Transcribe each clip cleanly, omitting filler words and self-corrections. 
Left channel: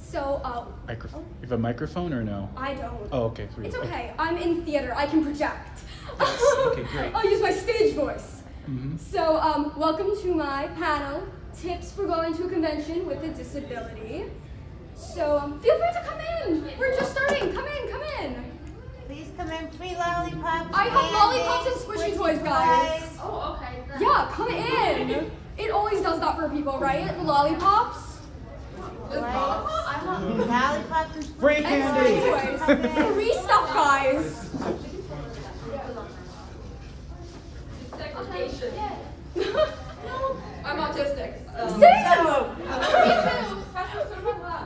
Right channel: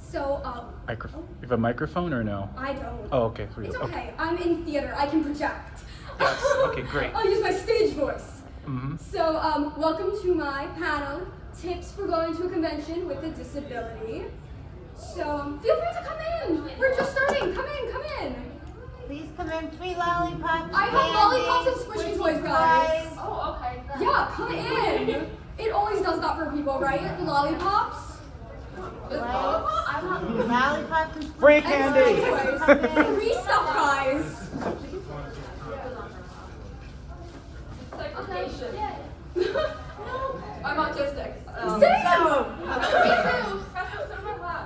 So, Microphone. You have a microphone or no? I don't. Oh, okay. It's okay. I'm in theater. I can project. Okay, great. I'll use my stage voice. Mm-hmm. So, welcome to my panel, Tips for Going to a Convention with a Disability. So, feel free to come in. We're just starting. Come in, come in. Please come in. Free lollipops. I have lollipops and squishy toys, guys. Oh, okay. Yeah, come in. It always does that for people, right? Lollipops. Lollipops and Free And candy. squishy toys. Free stuff, guys. I'm autistic. Same!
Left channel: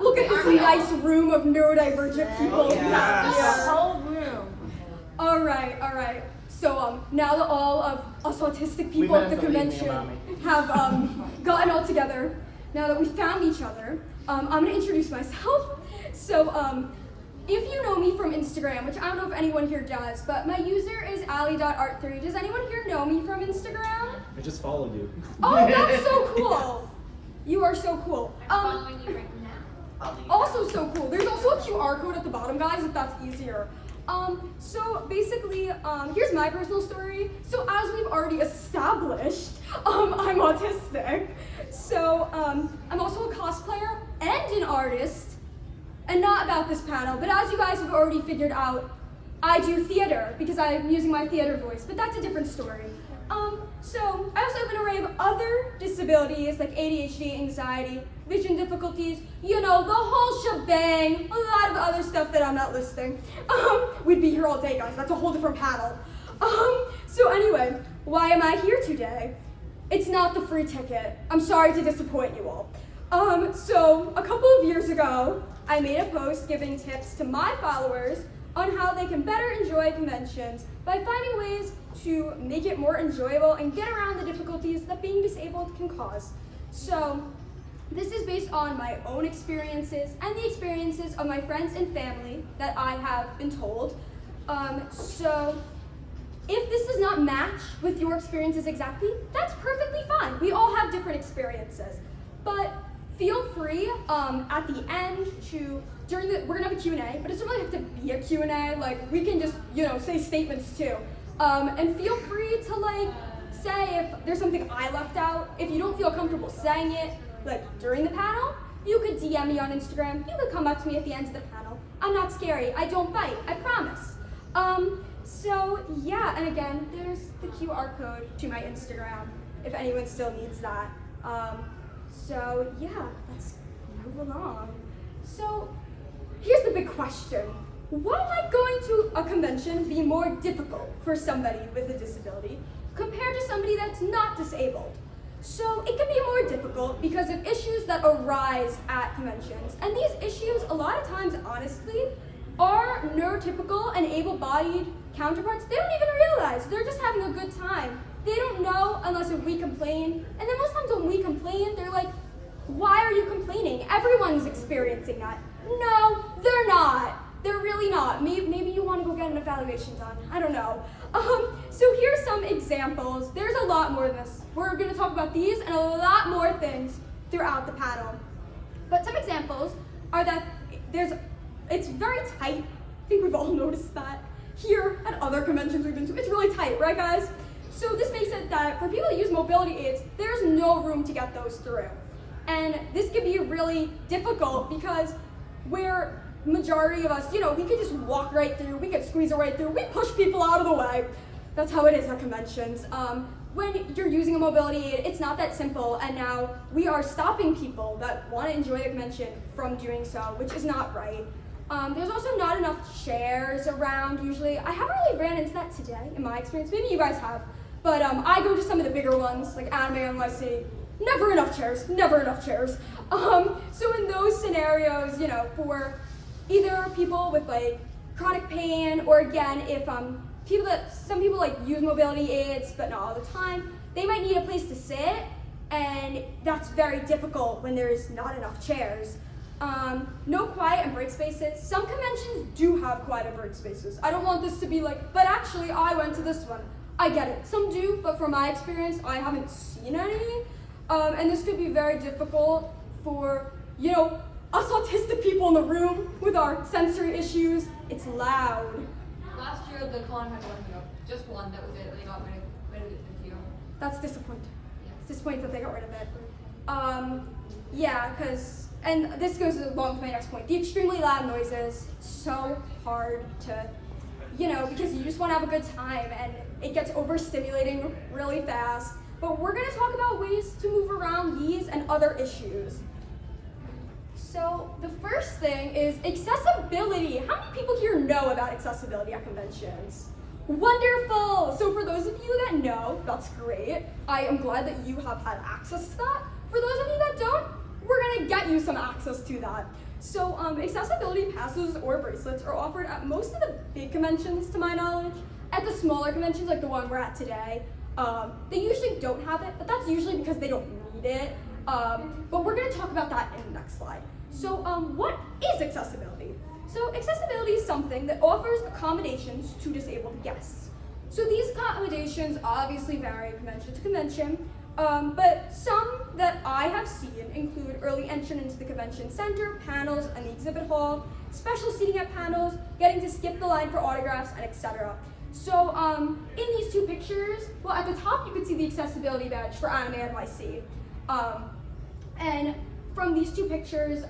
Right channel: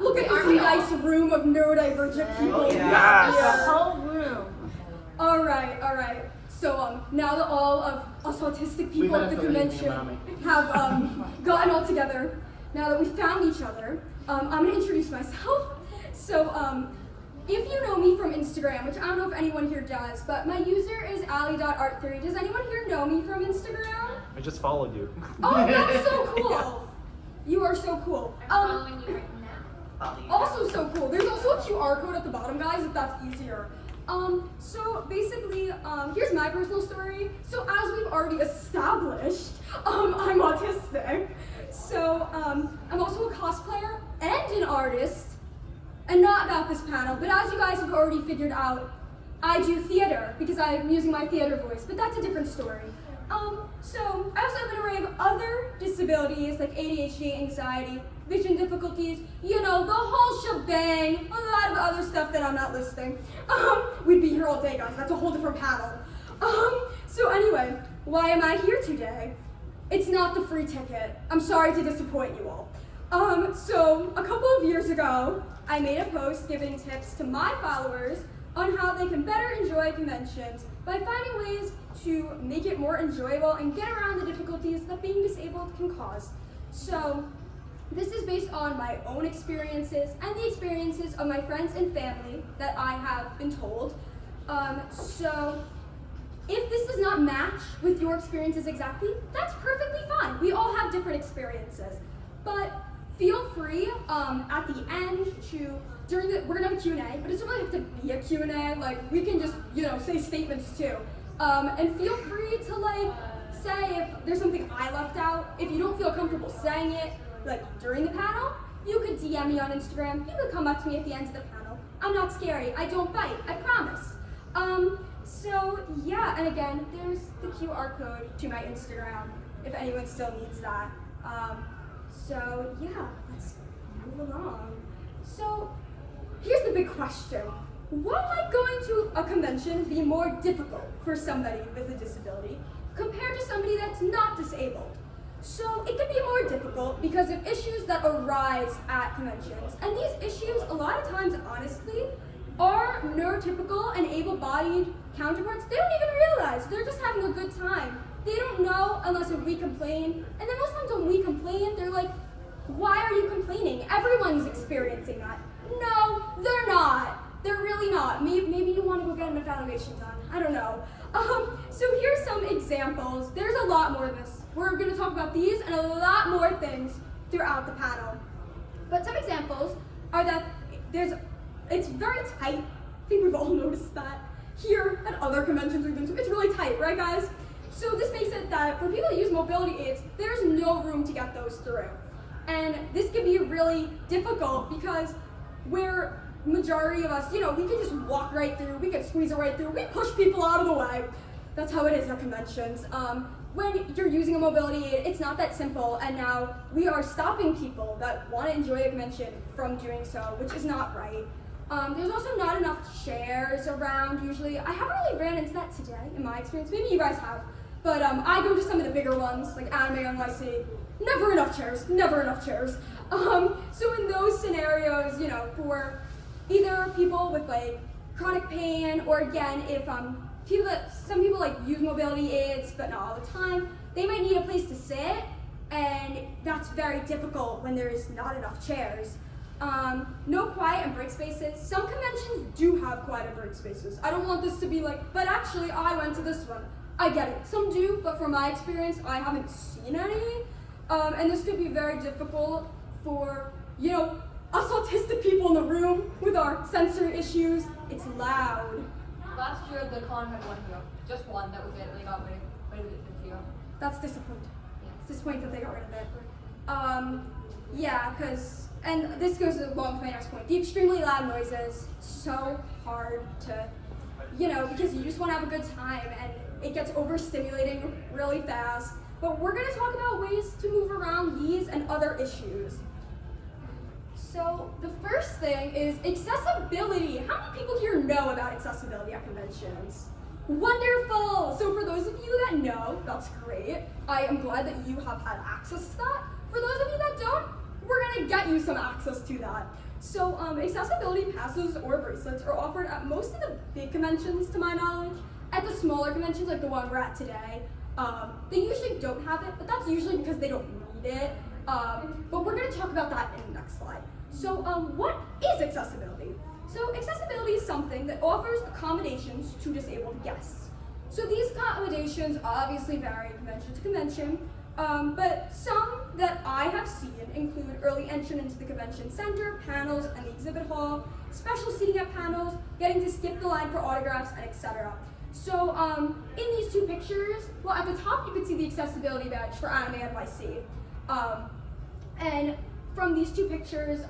Look at this nice room of neurodivergent people. whole room. All right. So now that all of us autistic people at the convention have gotten all together, now that we found each other, I'm gonna introduce myself. So if you know me from Instagram, which I don't know if anyone here does, but my user is Ally.art3. Does anyone here know me from Instagram? I just followed you. Oh, that's so cool. You are so cool. Also so cool. There's also a QR code at the bottom, guys, if that's easier. So basically, here's my personal story. So as we've already established, I'm autistic. So I'm also a cosplayer and an artist, and not about this panel, but as you guys have already figured out, I do theater because I'm using my theater voice, but that's a different story. So I also have an array of other disabilities like ADHD, anxiety, vision difficulties, you know, the whole shebang, a lot of other stuff that I'm not listing. We'd be here all day, guys. That's a whole different panel. So anyway, why am I here today? It's not the free ticket. I'm sorry to disappoint you all. So a couple of years ago, I made a post giving tips to my followers on how they can better enjoy conventions by finding ways to make it more enjoyable and get around the difficulties that being disabled can cause. So this is based on my own experiences and the experiences of my friends and family that I have been told. So if this does not match with your experiences exactly, that's perfectly fine. We all have different experiences. But feel free at the end to, we're gonna have a Q&A, but it doesn't really have to be a Q&A, like we can just, say statements too. And feel free to say if there's something I left out. If you don't feel comfortable saying it, during the panel, you could DM me on Instagram. You could come back to me at the end of the panel. I'm not scary, I don't bite, I promise. So yeah, and again, there's the QR code to my Instagram, if anyone still needs that. So yeah, let's move along. So here's the big question. Why might going to a convention be more difficult for somebody with a disability compared to somebody that's not disabled? So it can be more difficult because of issues that arise at conventions. And these issues, a lot of times, honestly, are neurotypical and able-bodied counterparts. They don't even realize. They're just having a good time. They don't know unless we complain. And then most times when we complain, they're like, why are you complaining? Everyone's experiencing that. No, they're not. They're really not. Maybe you want to go get an evaluation done. I don't know. So here's some examples. There's a lot more of this. We're going to talk about these and a lot more things throughout the panel. But some examples are that it's very tight. I think we've all noticed that here at other conventions we've been to. It's really tight, right guys? So this makes it that for people that use mobility aids, there's no room to get those through. And this can be really difficult because we're majority of us, we could just walk right through, we could squeeze it right through, we push people out of the way. That's how it is at conventions. When you're using a mobility aid, it's not that simple, and now we are stopping people that want to enjoy the convention from doing so, which is not right. There's also not enough chairs around usually. I haven't really ran into that today in my experience, maybe you guys have, but I go to some of the bigger ones, like Anime NYC, never enough chairs. So in those scenarios, for either people with chronic pain, or again, if some people use mobility aids, but not all the time, they might need a place to sit, and that's very difficult when there's not enough chairs. No quiet and break spaces. Some conventions do have quiet and break spaces. I don't want this to be but actually I went to this one. I get it, some do, but from my experience, I haven't seen any. And this could be very difficult for, us autistic people in the room with our sensory issues, it's loud. Last year the con had one hero. Just one, that was it. They got rid of it this year. That's disappointing. It's disappointing that they got rid of it. Yeah, and this goes along with my next point. The extremely loud noises, so hard to, because you just want to have a good time and it gets overstimulating really fast. But we're going to talk about ways to move around these and other issues. So the first thing is accessibility. How many people here know about accessibility at conventions? Wonderful! So for those of you that know, that's great. I am glad that you have had access to that. For those of you that don't, we're gonna get you some access to that. So accessibility passes or bracelets are offered at most of the big conventions, to my knowledge. At the smaller conventions, like the one we're at today, they usually don't have it, but that's usually because they don't need it. But we're gonna talk about that in the next slide. So what is accessibility? So accessibility is something that offers accommodations to disabled guests. So these accommodations obviously vary convention to convention, but some that I have seen include early entry into the convention center, panels, and the exhibit hall, special seating at panels, getting to skip the line for autographs, and etc. So in these two pictures, well, at the top you can see the accessibility badge for Anime NYC. And from these two pictures,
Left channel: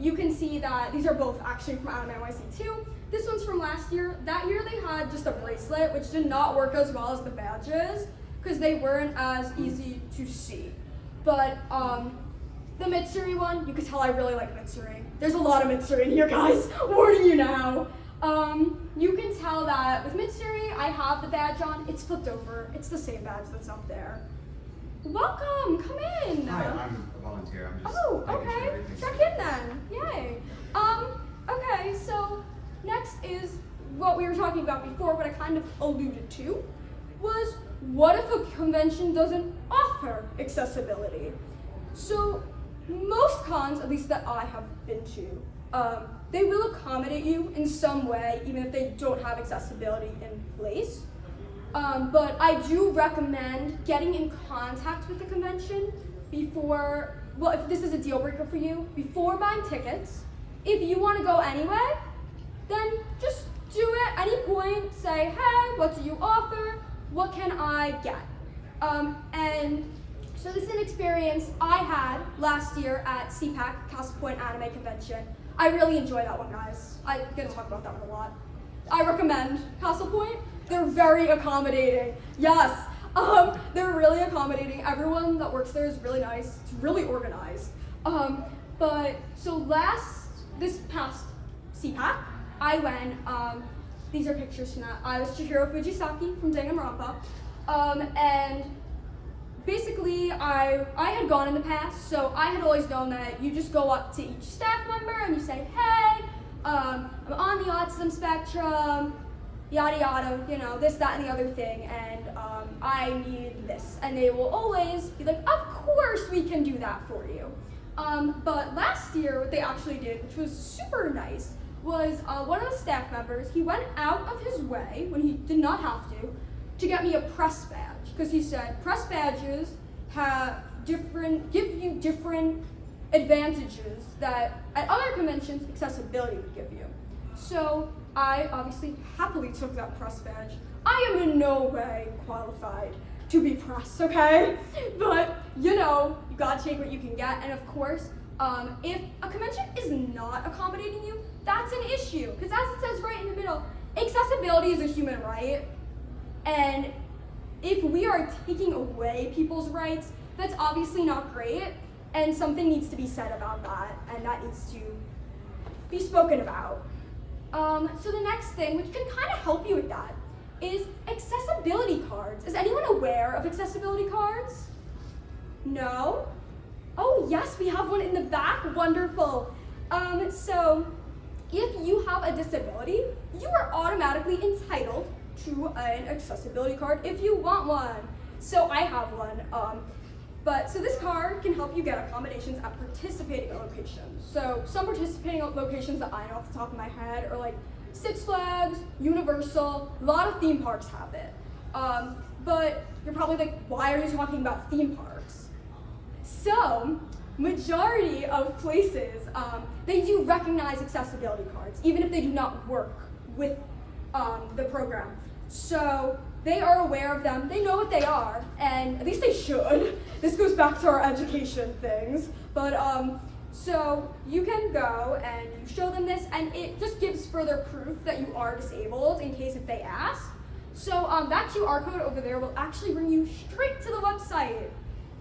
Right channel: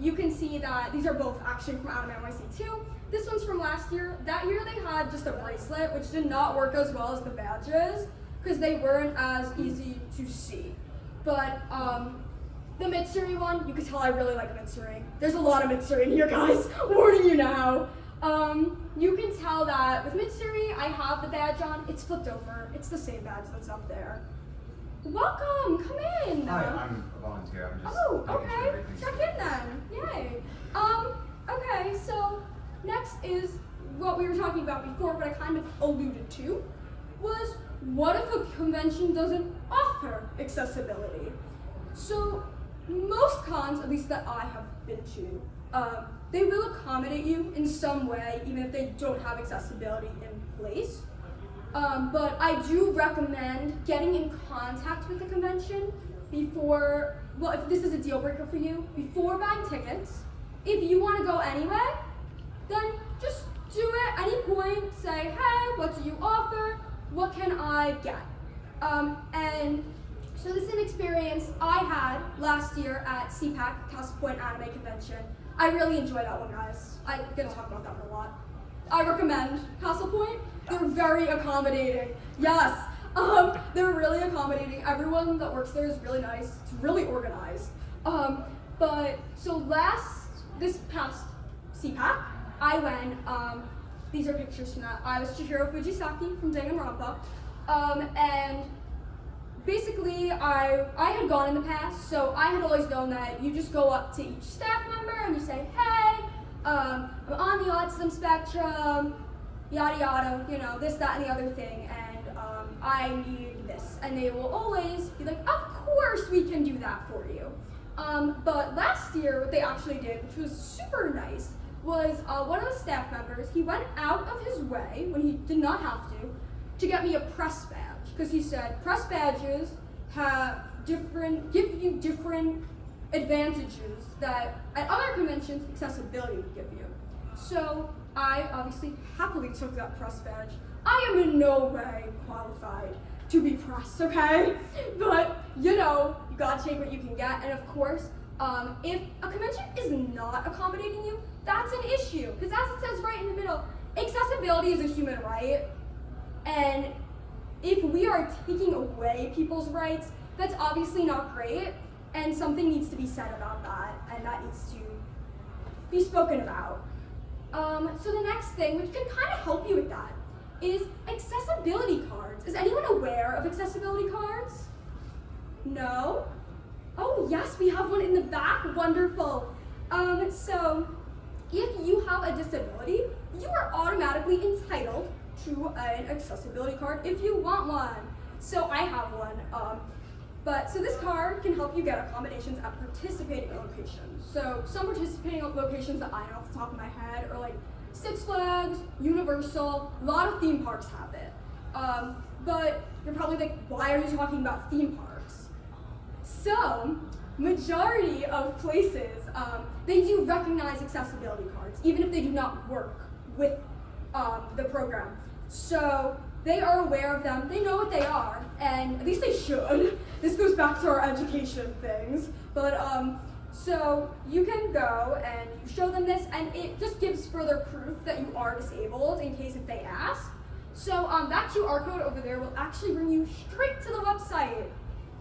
you can see that these are both actually from Anime NYC too. This one's from last year. That year they had just a bracelet, which did not work as well as the badges, because they weren't as easy to see. But the Mitsuri one, you can tell I really like Mitsuri. There's a lot of Mitsuri in here, guys. Warning you now. You can tell that with Mitsuri, I have the badge on. It's flipped over. It's the same badge that's up there. Welcome, come in. Hi, I'm a volunteer. I'm just Oh, making sure okay. everything's Check good. in then. Yay. Okay, so next is what we were talking about before, what I kind of alluded to, was what if a convention doesn't offer accessibility? So most cons, at least that I have been to, they will accommodate you in some way, even if they don't have accessibility in place. But I do recommend getting in contact with the convention before, well, if this is a deal breaker for you, before buying tickets. If you want to go anyway, then just do it at any point. Say, hey, what do you offer? What can I get? And so this is an experience I had last year at CPAC, Castle Point Anime Convention. I really enjoyed that one, guys. I'm gonna talk about that a lot. I recommend Castle Point. They're very accommodating. Yes, they're really accommodating. Everyone that works there is really nice. It's really organized. But so this past CPAC, I went, these are pictures from that. I was Chihiro Fujisaki from Danganronpa. And basically I had gone in the past, so I had always known that you just go up to each staff member and you say, hey, I'm on the autism spectrum, yada yada, this, that, and the other thing, and I need this. And they will always be like, of course we can do that for you. But last year, what they actually did, which was super nice, was one of the staff members, he went out of his way, when he did not have to get me a press badge. Because he said, press badges give you different advantages that at other conventions, accessibility would give you. So I obviously happily took that press badge. I am in no way qualified to be press, okay? But you gotta take what you can get. And of course, if a convention is not accommodating you, that's an issue. Because as it says right in the middle, accessibility is a human right. And if we are taking away people's rights, that's obviously not great. And something needs to be said about that. And that needs to be spoken about. So the next thing, which can kind of help you with that, is accessibility cards. Is anyone aware of accessibility cards? No? Oh yes, we have one in the back, wonderful. So if you have a disability, you are automatically entitled to an accessibility card if you want one. So I have one. So this card can help you get accommodations at participating locations. So some participating locations that I know off the top of my head are like Six Flags, Universal, a lot of theme parks have it. But you're probably like, why are you talking about theme parks? So majority of places, they do recognize accessibility cards, even if they do not work with the program. So they are aware of them, they know what they are, and at least they should. This goes back to our education things, but so you can go and you show them this, and it just gives further proof that you are disabled in case if they ask. So that QR code over there will actually bring you straight to the website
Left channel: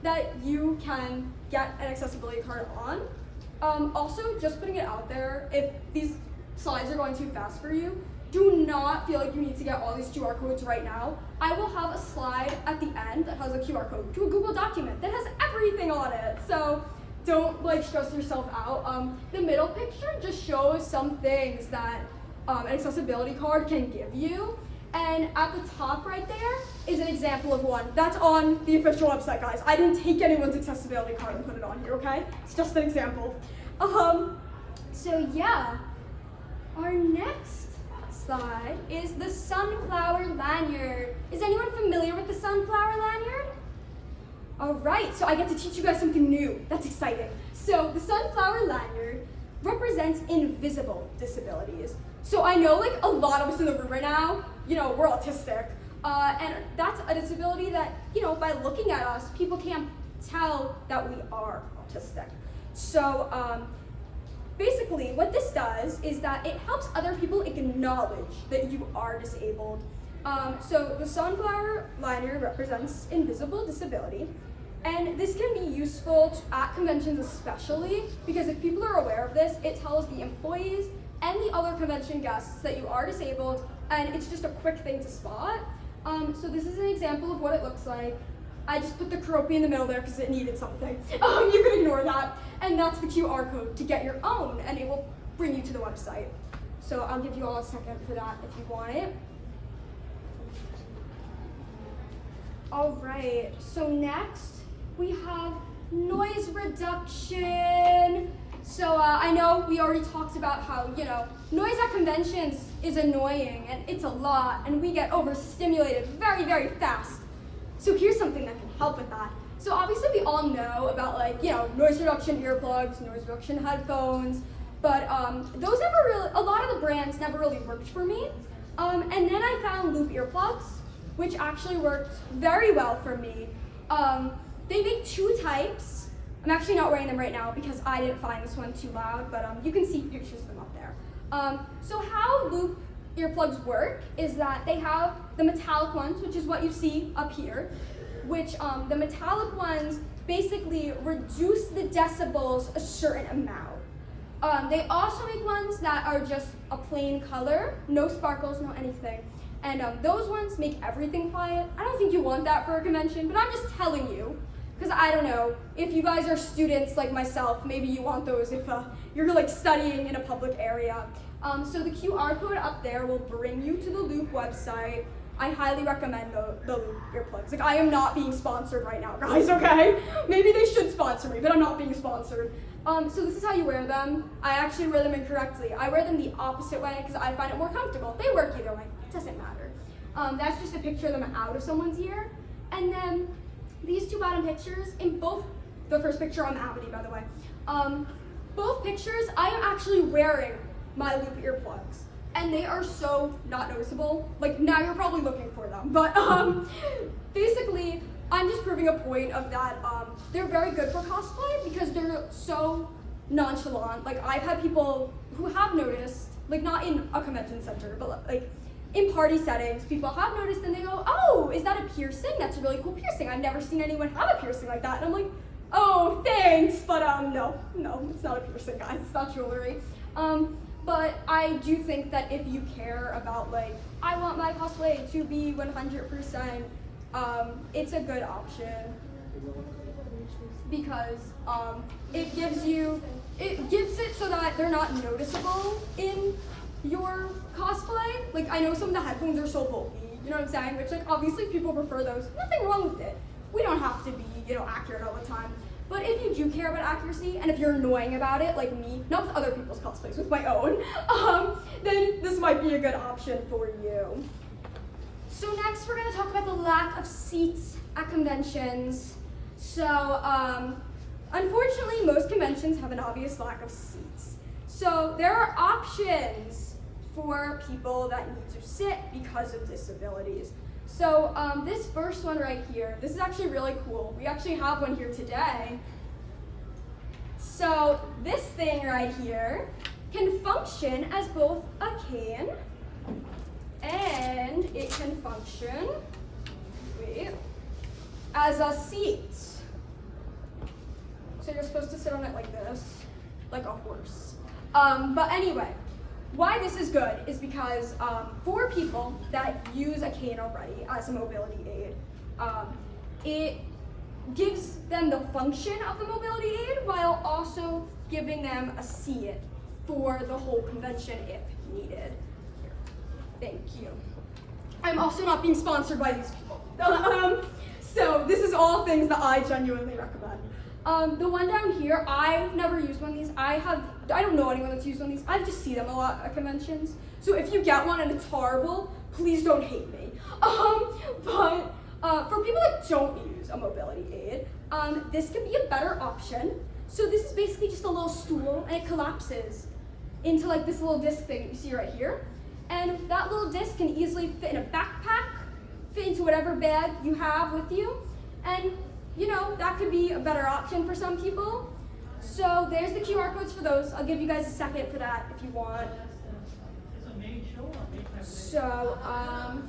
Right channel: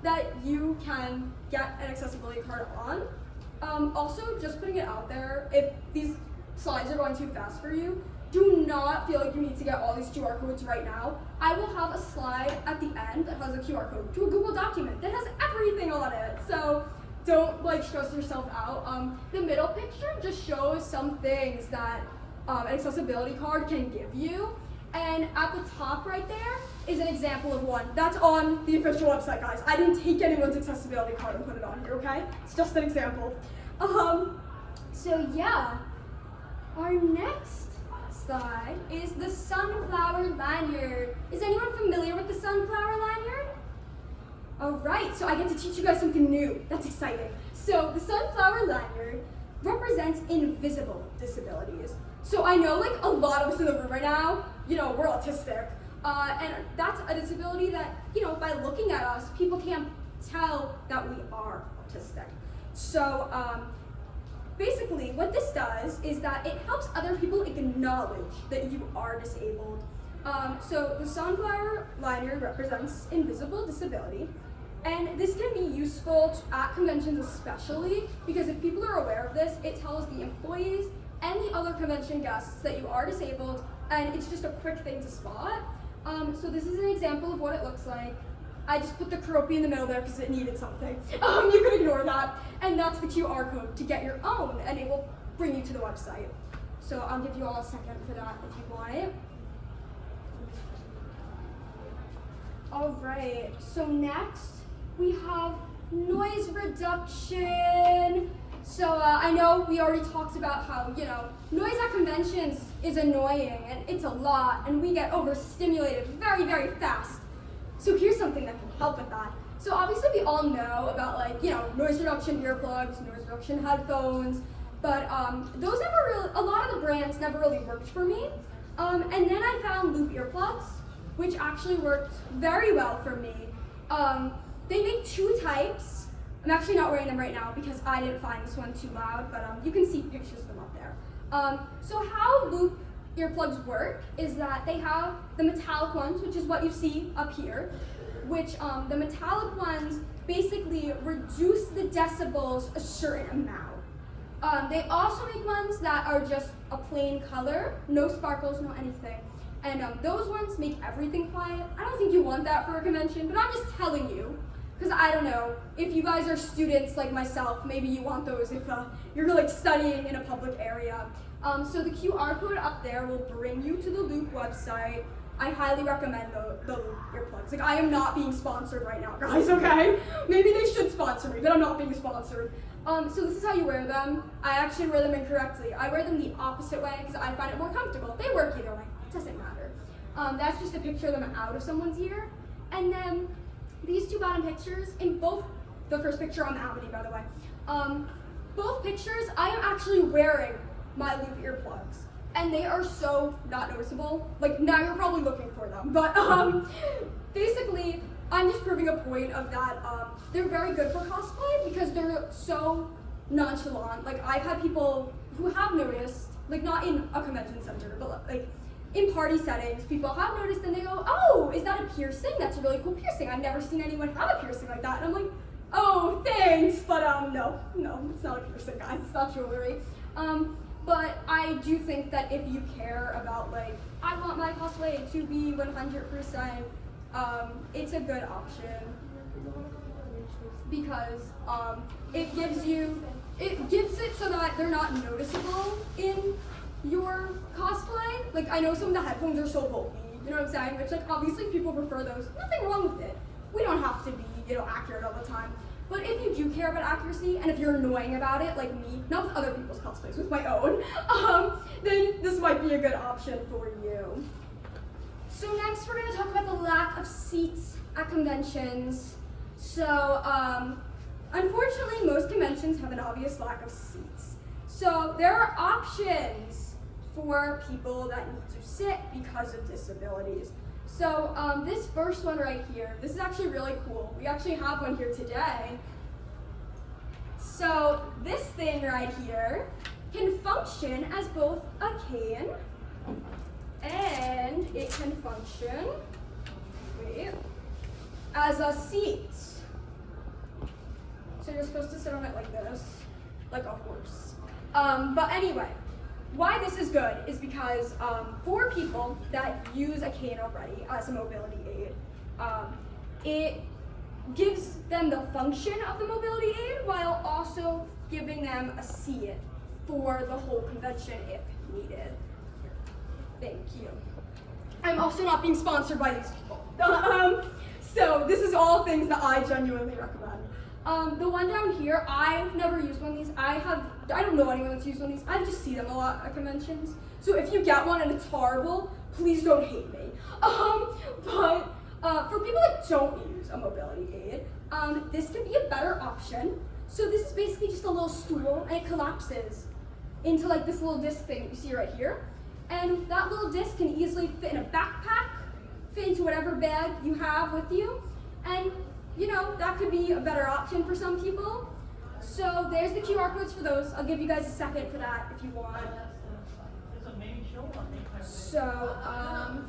that you can get an accessibility card on. Also, just putting it out there, if these slides are going too fast for you, do not feel like you need to get all these QR codes right now. I will have a slide at the end that has a QR code to a Google document that has everything on it. So don't like stress yourself out. The middle picture just shows some things that an accessibility card can give you. And at the top right there is an example of one. That's on the official website, guys. I didn't take anyone's accessibility card and put it on here, okay? It's just an example. So yeah, our next slide is the sunflower lanyard. Is anyone familiar with the sunflower lanyard? All right, so I get to teach you guys something new. That's exciting. So the sunflower lanyard represents invisible disabilities. So I know like a lot of us in the room right now, you know, we're autistic. And that's a disability that, you know, by looking at us, people can't tell that we are autistic. So basically what this does is that it helps other people acknowledge that you are disabled. So the sunflower lanyard represents invisible disability. And this can be useful at conventions especially, because if people are aware of this, it tells the employees and the other convention guests that you are disabled, and it's just a quick thing to spot. So this is an example of what it looks like. I just put the Karopi in the middle there because it needed something. You can ignore that. And that's the QR code to get your own, and it will bring you to the website. So I'll give you all a second for that if you want it. All right, so next we have noise reduction. So I know we already talked about how, you know, noise at conventions is annoying and it's a lot and we get overstimulated very, very fast. So here's something that can help with that. So obviously we all know about like, you know, noise reduction earplugs, noise reduction headphones, but those never really, a lot of the brands never really worked for me. And then I found loop earplugs, which actually worked very well for me. They make two types. I'm actually not wearing them right now because I didn't find this one too loud, but you can see pictures of them up there. So how loop earplugs work is that they have the metallic ones, which is what you see up here, which the metallic ones basically reduce the decibels a certain amount. They also make ones that are just a plain color, no sparkles, no anything. And those ones make everything quiet. I don't think you want that for a convention, but I'm just telling you. Because I don't know, if you guys are students like myself, maybe you want those if you're like studying in a public area. So the QR code up there will bring you to the Loop website. I highly recommend the Loop earplugs. Like I am not being sponsored right now, guys, okay? Maybe they should sponsor me, but I'm not being sponsored. So this is how you wear them. I actually wear them incorrectly. I wear them the opposite way because I find it more comfortable. They work either way, it doesn't matter. That's just a picture of them out of someone's ear. And then these two bottom pictures, in both, the first picture on Amity, by the way, both pictures, I am actually wearing my Loop earplugs, and they are so not noticeable. Like, now you're probably looking for them, but basically, I'm just proving a point of that. They're very good for cosplay because they're so nonchalant. Like, I've had people who have noticed, like, not in a convention center, but like, in party settings, people have noticed and they go, oh, is that a piercing? That's a really cool piercing. I've never seen anyone have a piercing like that. And I'm like, oh, thanks, but no, it's not a piercing, guys. It's not jewelry. But I do think that if you care about like, I want my cosplay to be 100%, it's a good option because it gives it so that they're not noticeable in your cosplay. Like I know some of the headphones are so bulky, you know what I'm saying? Which like obviously people prefer those. Nothing wrong with it. We don't have to be, you know, accurate all the time. But if you do care about accuracy and if you're annoying about it, like me, not with other people's cosplays, with my own, then this might be a good option for you. So next we're gonna talk about the lack of seats at conventions. So Unfortunately, most conventions have an obvious lack of seats. So there are options for people that need to sit because of disabilities. So this first one right here, this is actually really cool. We actually have one here today. So this thing right here can function as both a cane and it can function, as a seat. So you're supposed to sit on it like this, like a horse. But anyway, why this is good is because for people that use a cane already as a mobility aid, it gives them the function of the mobility aid while also giving them a seat for the whole convention if needed. Thank you. I'm also not being sponsored by these people. So this is all things that I genuinely recommend. The one down here, I've never used one of these. I don't know anyone that's used one of these. I just see them a lot at conventions. So if you get one and it's horrible, please don't hate me. But for people that don't use a mobility aid, this can be a better option. So this is basically just a little stool and it collapses into like this little disc thing that you see right here. And that little disc can easily fit in a backpack, fit into whatever bag you have with you. And you know, that could be a better option for some people. So there's the QR codes for those. I'll give you guys a second for that if you want. So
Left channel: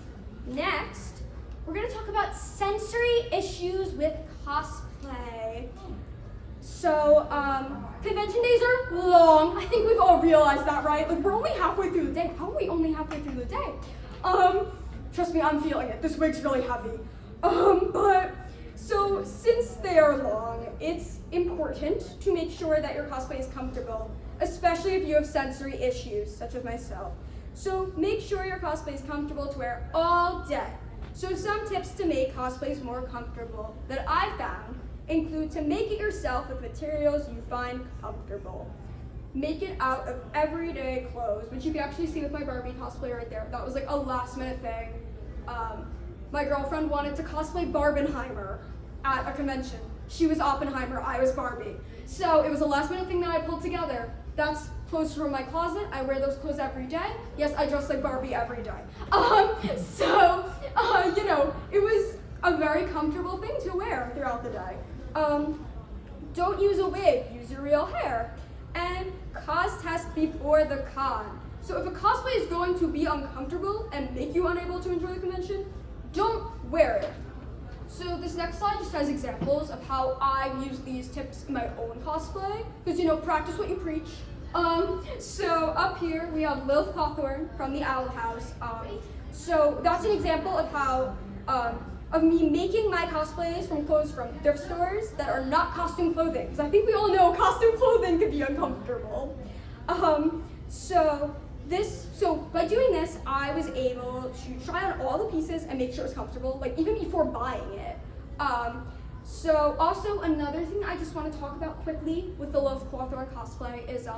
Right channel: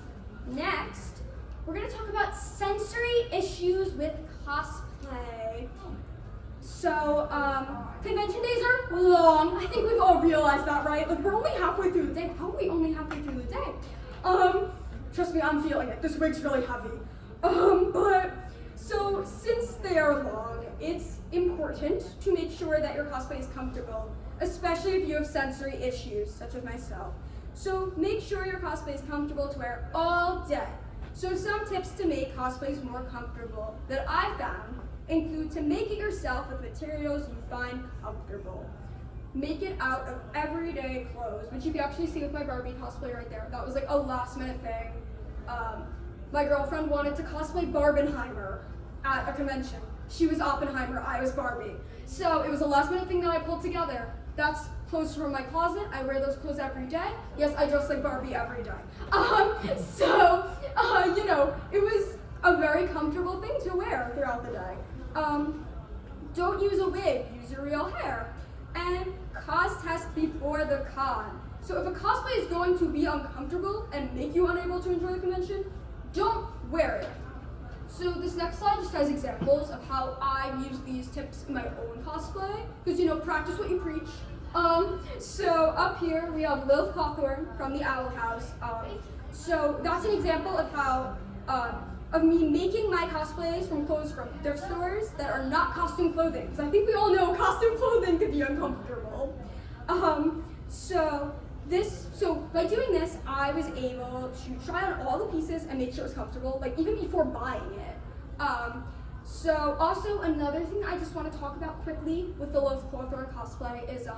next, we're gonna talk about sensory issues with cosplay. So convention days are long. I think we've all realized that, right? Like we're only halfway through the day, probably only halfway through the day. Trust me, I'm feeling it. This wig's really heavy. So since they are long, it's important to make sure that your cosplay is comfortable, especially if you have sensory issues, such as myself. So make sure your cosplay is comfortable to wear all day. So some tips to make cosplays more comfortable that I found include to make it yourself with materials you find comfortable. Make it out of everyday clothes, which you can actually see with my Barbie cosplay right there. That was like a last minute thing. My girlfriend wanted to cosplay Barbenheimer at a convention. She was Oppenheimer, I was Barbie. So it was a last minute thing that I pulled together. That's clothes from my closet. I wear those clothes every day. Yes, I dress like Barbie every day. You know, it was a very comfortable thing to wear throughout the day. Don't use a wig, use your real hair. And cos test before the con. So if a cosplay is going to be uncomfortable and make you unable to enjoy the convention, don't wear it. So this next slide just has examples of how I use these tips in my own cosplay, because you know, practice what you preach. So up here we have Lilith Cawthorn from the Owl House. So that's an example of how of me making my cosplays from clothes from thrift stores that are not costume clothing, because I think we all know costume clothing can be uncomfortable. So by doing this, I was able to try on all the pieces and make sure it was comfortable, like even before buying it. So also another thing I just want to talk about quickly with the Lilith Cawthorn cosplay is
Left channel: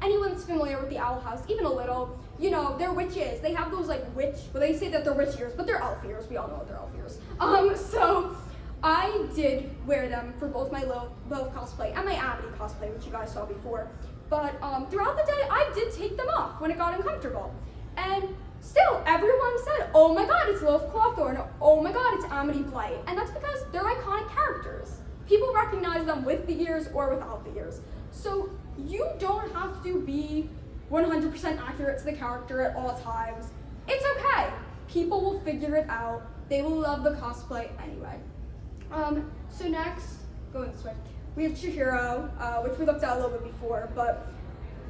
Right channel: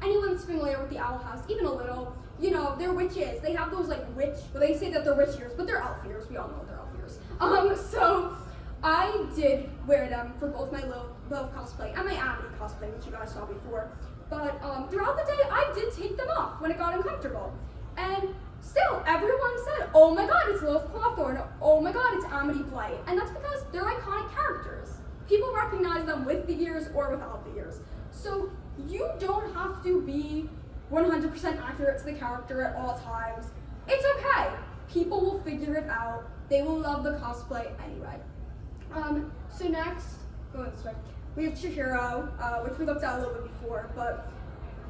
anyone that's familiar with the Owl House, even a little, you know, they're witches. They have those like well, they say that they're witch ears, but they're elf ears. We all know what they're elf ears. So I did wear them for both my Lilith cosplay and my Abby cosplay, which you guys saw before. But throughout the day, I did take them off when it got uncomfortable. And still, everyone said, oh my god, it's Lilith Cawthorn, oh my god, it's Amity Blight. And that's because they're iconic characters. People recognize them with the ears or without the ears. So you don't have to be 100% accurate to the character at all times. It's okay. People will figure it out. They will love the cosplay anyway. So next, going this way. We have Chihiro, which we looked at a little bit before, but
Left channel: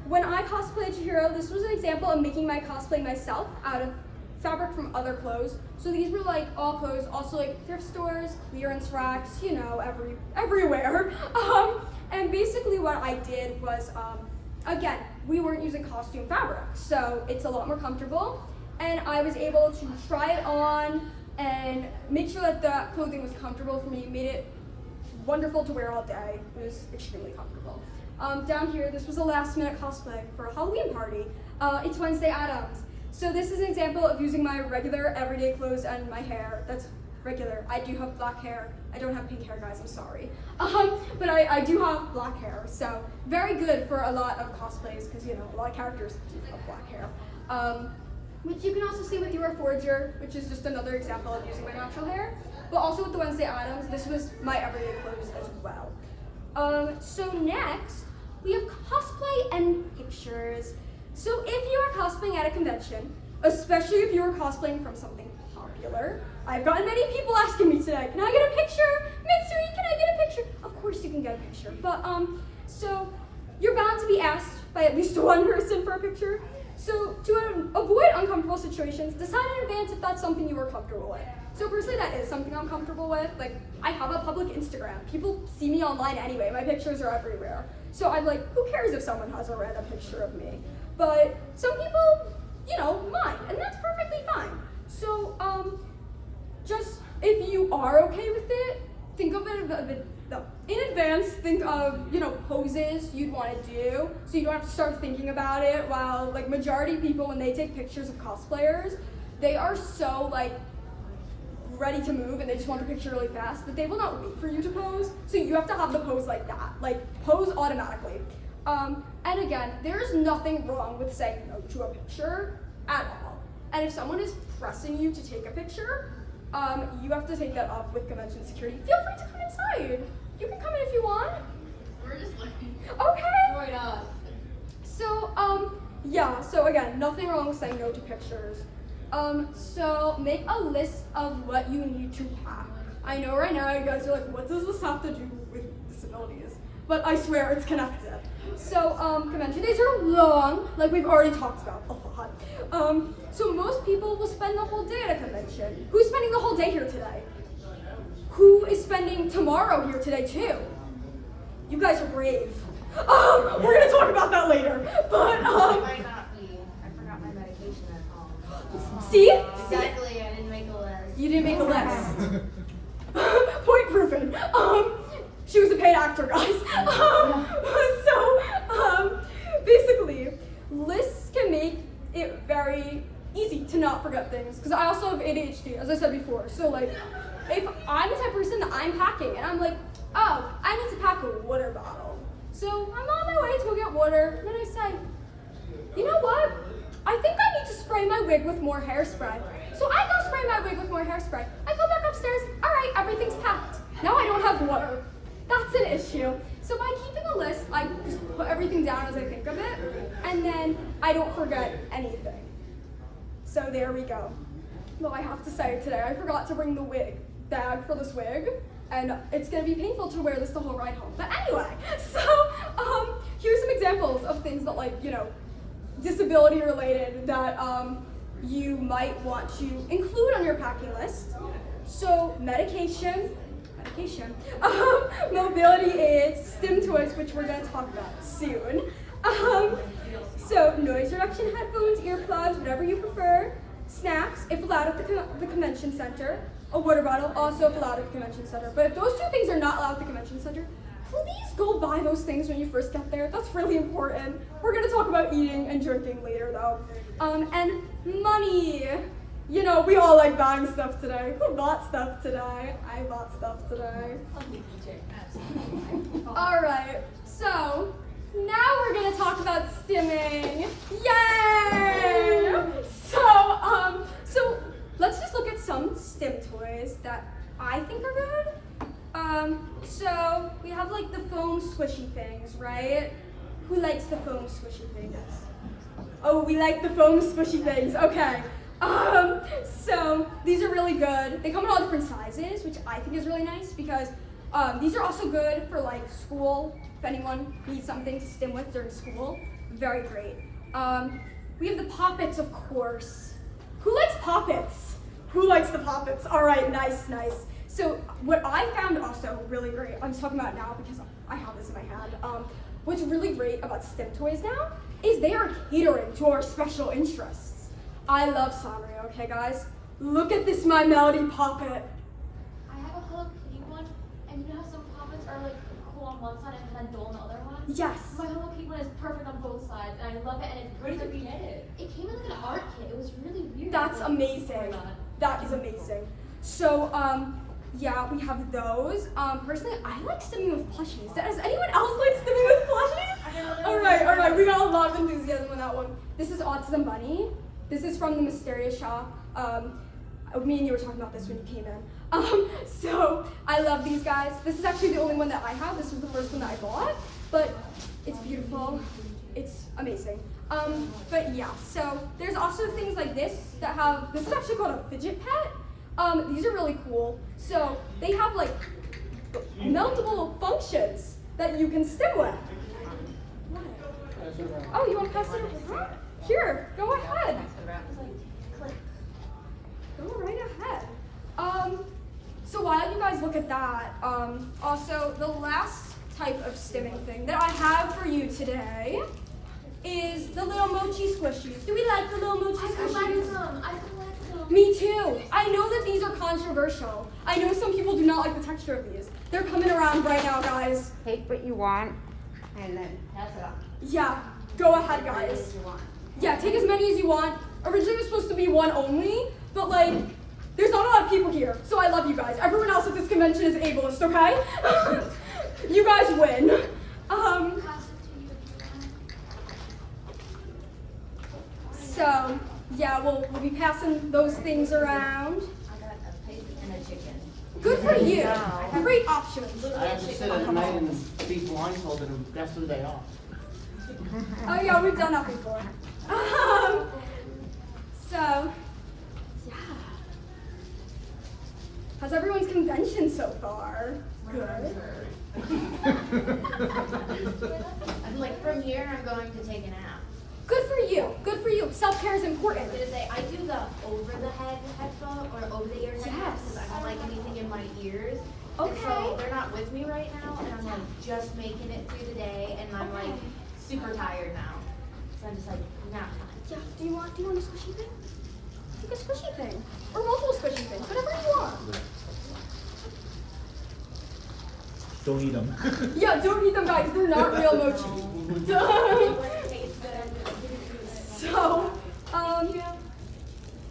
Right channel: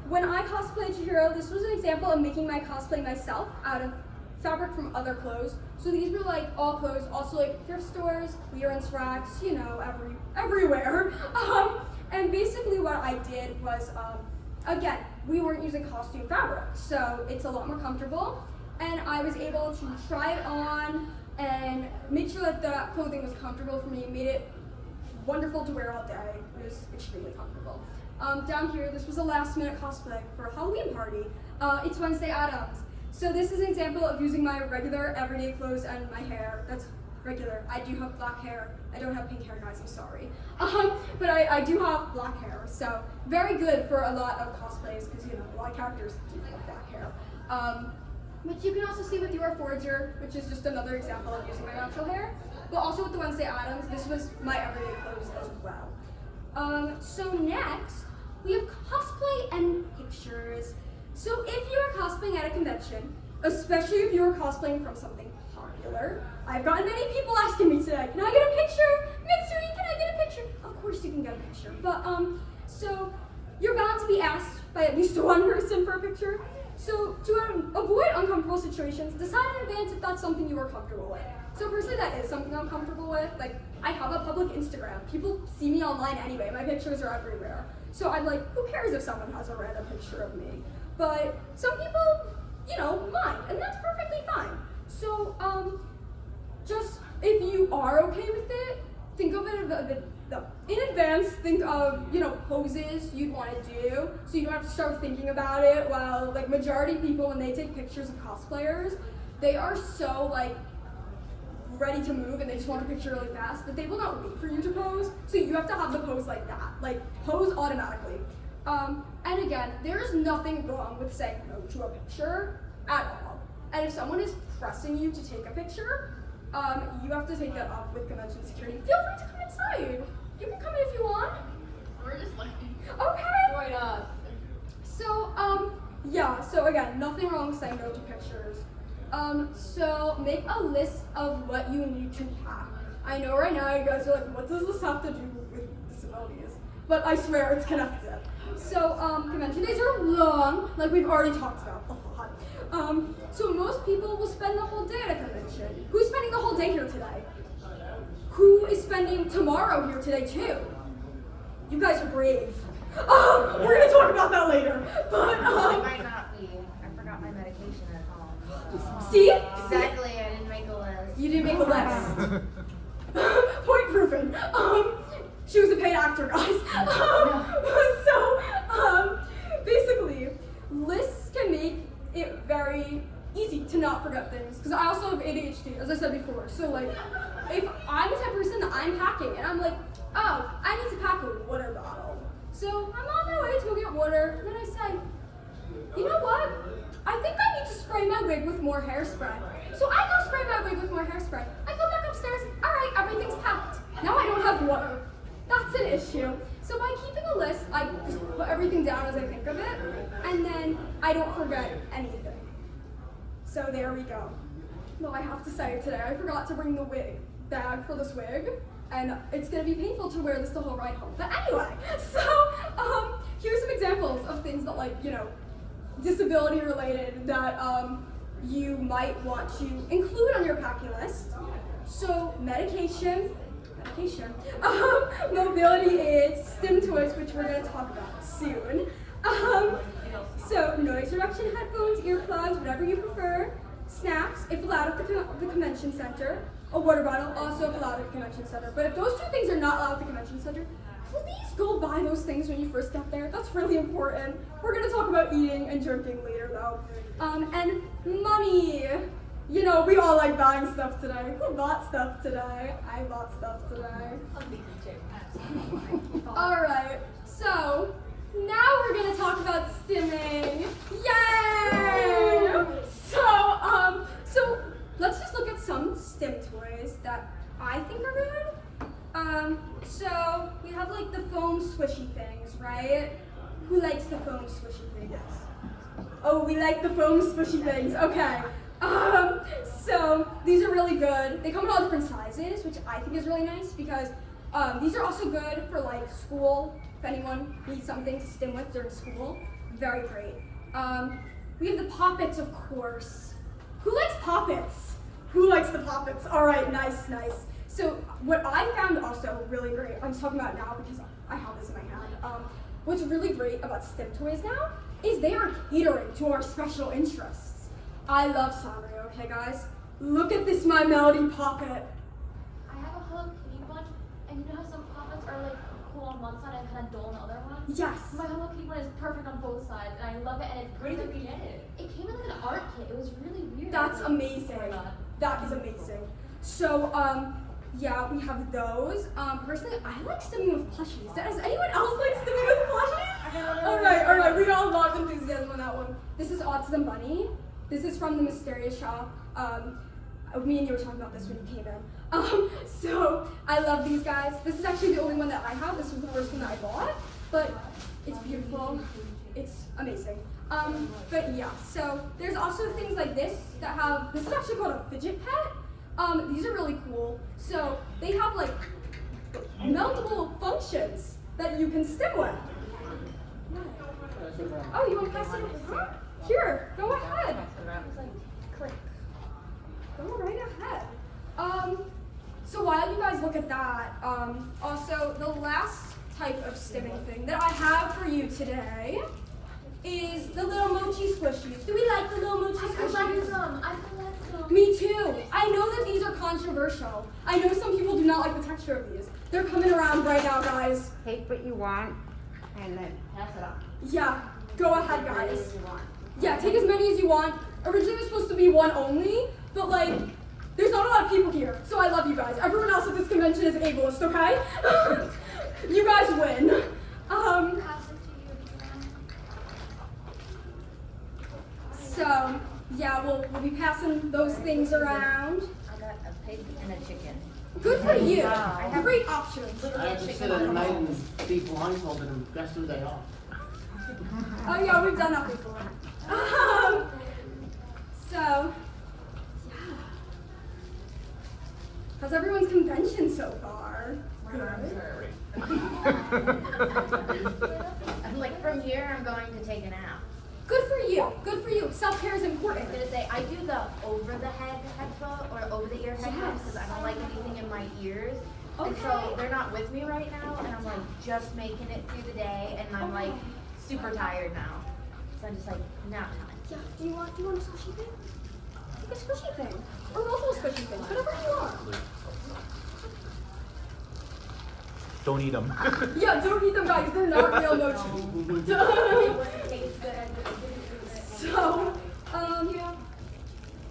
when I cosplayed Chihiro, this was an example of making my cosplay myself out of fabric from other clothes. So these were like all clothes, also like thrift stores, clearance racks, you know, everywhere. And basically what I did was, again, we weren't using costume fabric, so it's a lot more comfortable. And I was able to try it on and make sure that the clothing was comfortable for me, made it wonderful to wear all day. It was extremely comfortable. Down here, this was a last minute cosplay for a Halloween party. It's Wednesday Addams. So this is an example of using my regular everyday clothes and my hair. That's regular. I do have black hair. I don't have pink hair, guys, I'm sorry. But I do have black hair, so very good for a lot of cosplays, because, you know, a lot of characters do have black hair. Which you can also see with your Forger, which is just another example of using my natural hair. But also with the Wednesday Addams, this was my everyday clothes as well. So next, we have cosplay and pictures. So if you are cosplaying at a convention, especially if you are cosplaying from something popular, I've gotten many people asking me today, can I get a picture? Mystery, can I get a picture? Of course you can get a picture. But, so you're bound to be asked by at least one person for a picture. So to avoid uncomfortable situations, decide in advance if that's something you are comfortable with. So personally, that is something I'm comfortable with. Like, I have a public Instagram. People see me online anyway. My pictures are everywhere. So I'm like, who cares if someone has a random picture of me? But some people, you know, mind, and that's perfectly fine. So, just if you are okay with it, think of it in advance. Think of, you know, poses you'd want to do, so you don't have to start thinking about it. While like majority of people, when they take pictures of cosplayers, they are so like ready to move and they just want the picture really fast that they will not wait for you to pose. So you have to have the pose like that, like pose automatically. And again, there is nothing wrong with saying no to a picture at all. And if someone is pressing you to take a picture, you have to take that up with convention security. Feel free to come inside. You can come in if you want. We're just like, Okay. join us. So, yeah, so again, nothing wrong with saying no to pictures. So make a list of what you need to pack. I know right now you guys are like, what does this have to do with disabilities? But I swear it's connected. So, convention days are long, like we've already talked about a lot. So most people will spend the whole day at a convention. Who's spending the whole day here today? Who is spending tomorrow here today too? You guys are brave. We're gonna talk about that later. But, Might not be. I forgot my medication at home. see? Exactly, I didn't make a list. You didn't make a list. Point proven. She was a paid actor, guys. Basically, lists can make it very easy to not forget things. Because I also have ADHD, as I said before. So, like, if I'm the type of person that I'm packing, and I'm like, oh, I need to pack a water bottle. So I'm on my way to go get water, and then I say, you know what? I think I need to spray my wig with more hairspray. So I go spray my wig with more hairspray. I go back upstairs. All right, everything's packed. Now I don't have water. That's an issue. So by keeping a list, I just put everything down as I think of it, and then I don't forget anything. So there we go. Well, I have to say today, I forgot to bring the wig bag for this wig, and it's gonna be painful to wear this the whole ride home. But anyway, so here's some examples of things that, like, you know, disability related that you might want to include on your packing list. So medication, mobility aids, stim toys, which we're gonna talk about soon. So noise reduction headphones, earplugs, whatever you prefer. Snacks, if allowed at the convention center. A water bottle, also if allowed at the convention center. But if those two things are not allowed at the convention center, please go buy those things when you first get there. That's really important. We're gonna talk about eating and drinking later though. And money. You know, we all like buying stuff today. Who bought stuff today? I bought stuff today. Alright, so now we're gonna talk about stimming. Yay! So let's just look at some stim toys that I think are good. So we have like the foam squishy things, right? Who likes the foam squishy things? Oh, we like the foam squishy things, okay. So these are really good. They come in all different sizes, which I think is really nice because these are also good for like school, if anyone needs something to stim with during school. Very great. We have the poppets, of course. Who likes poppets? Who likes the poppets? All right, nice. So what I found also really great, I'm just talking about it now because I have this in my hand. What's really great about stim toys now is they are catering to our special interests. I love Sanrio, okay guys? Look at this My Melody poppet. I have a Hello Kitty one, and you know how some poppets are like cool on one side and kind of dull on the other one? Yes. My Hello Kitty one is perfect on both sides, and I love it, and it's perfectly knitted. It came in like an art kit. It was really weird. That's amazing. Why not? That is amazing. So, yeah, we have those. Personally, I like stimming with plushies. Does anyone else like stimming with plushies? All right, we got a lot of enthusiasm on that one. This is Autism Bunny. This is from the Mysterious Shop. Me and you were talking about this when you came in. So I love these guys. This is actually the only one that I have. This was the first one that I bought, but it's beautiful. It's amazing. But yeah, so there's also things like this that have, this is actually called a fidget pet. These are really cool. So they have like multiple functions that you can stim with. Oh, you want to pass it? Here, go ahead. Go right ahead. So while you guys look at that, also the last type of stimming thing that I have for you today is the little mochi squishies. Do we like the little mochi squishies? I collect them. Me too. I know that these are controversial. I know some people do not like the texture of these. They're coming around right now, guys. Take what you want and then pass it on. Yeah, go ahead, guys. Yeah, take as many as you want. Originally it was supposed to be one only, but like, there's not a lot of people here, so I love you guys. Everyone else at this convention is ableist, okay? You guys win. So, yeah, we'll be passing those things around. I got a pig and a chicken. Good for you. Great options. I have to sit at night and be blindfolded and that's who they are. Oh yeah, we've done that before. So, yeah. How's everyone's convention so far? Good. I'm like, from here, I'm going to take a nap. Good for you. Good for you. Self-care is I important. was gonna say, I do the over-the-head headphone or over-the-ear headphones Yes. because I don't like anything in my ears. And Okay. so they're not with me right now, and I'm like just making it through the day, and I'm like super tired now. So I'm just like, nap time. Yeah. Do you want a squishy thing? Take a squishy thing, or multiple squishy things, whatever you want. Don't eat them. Yeah, don't eat them, guys. They're not real mochi. So,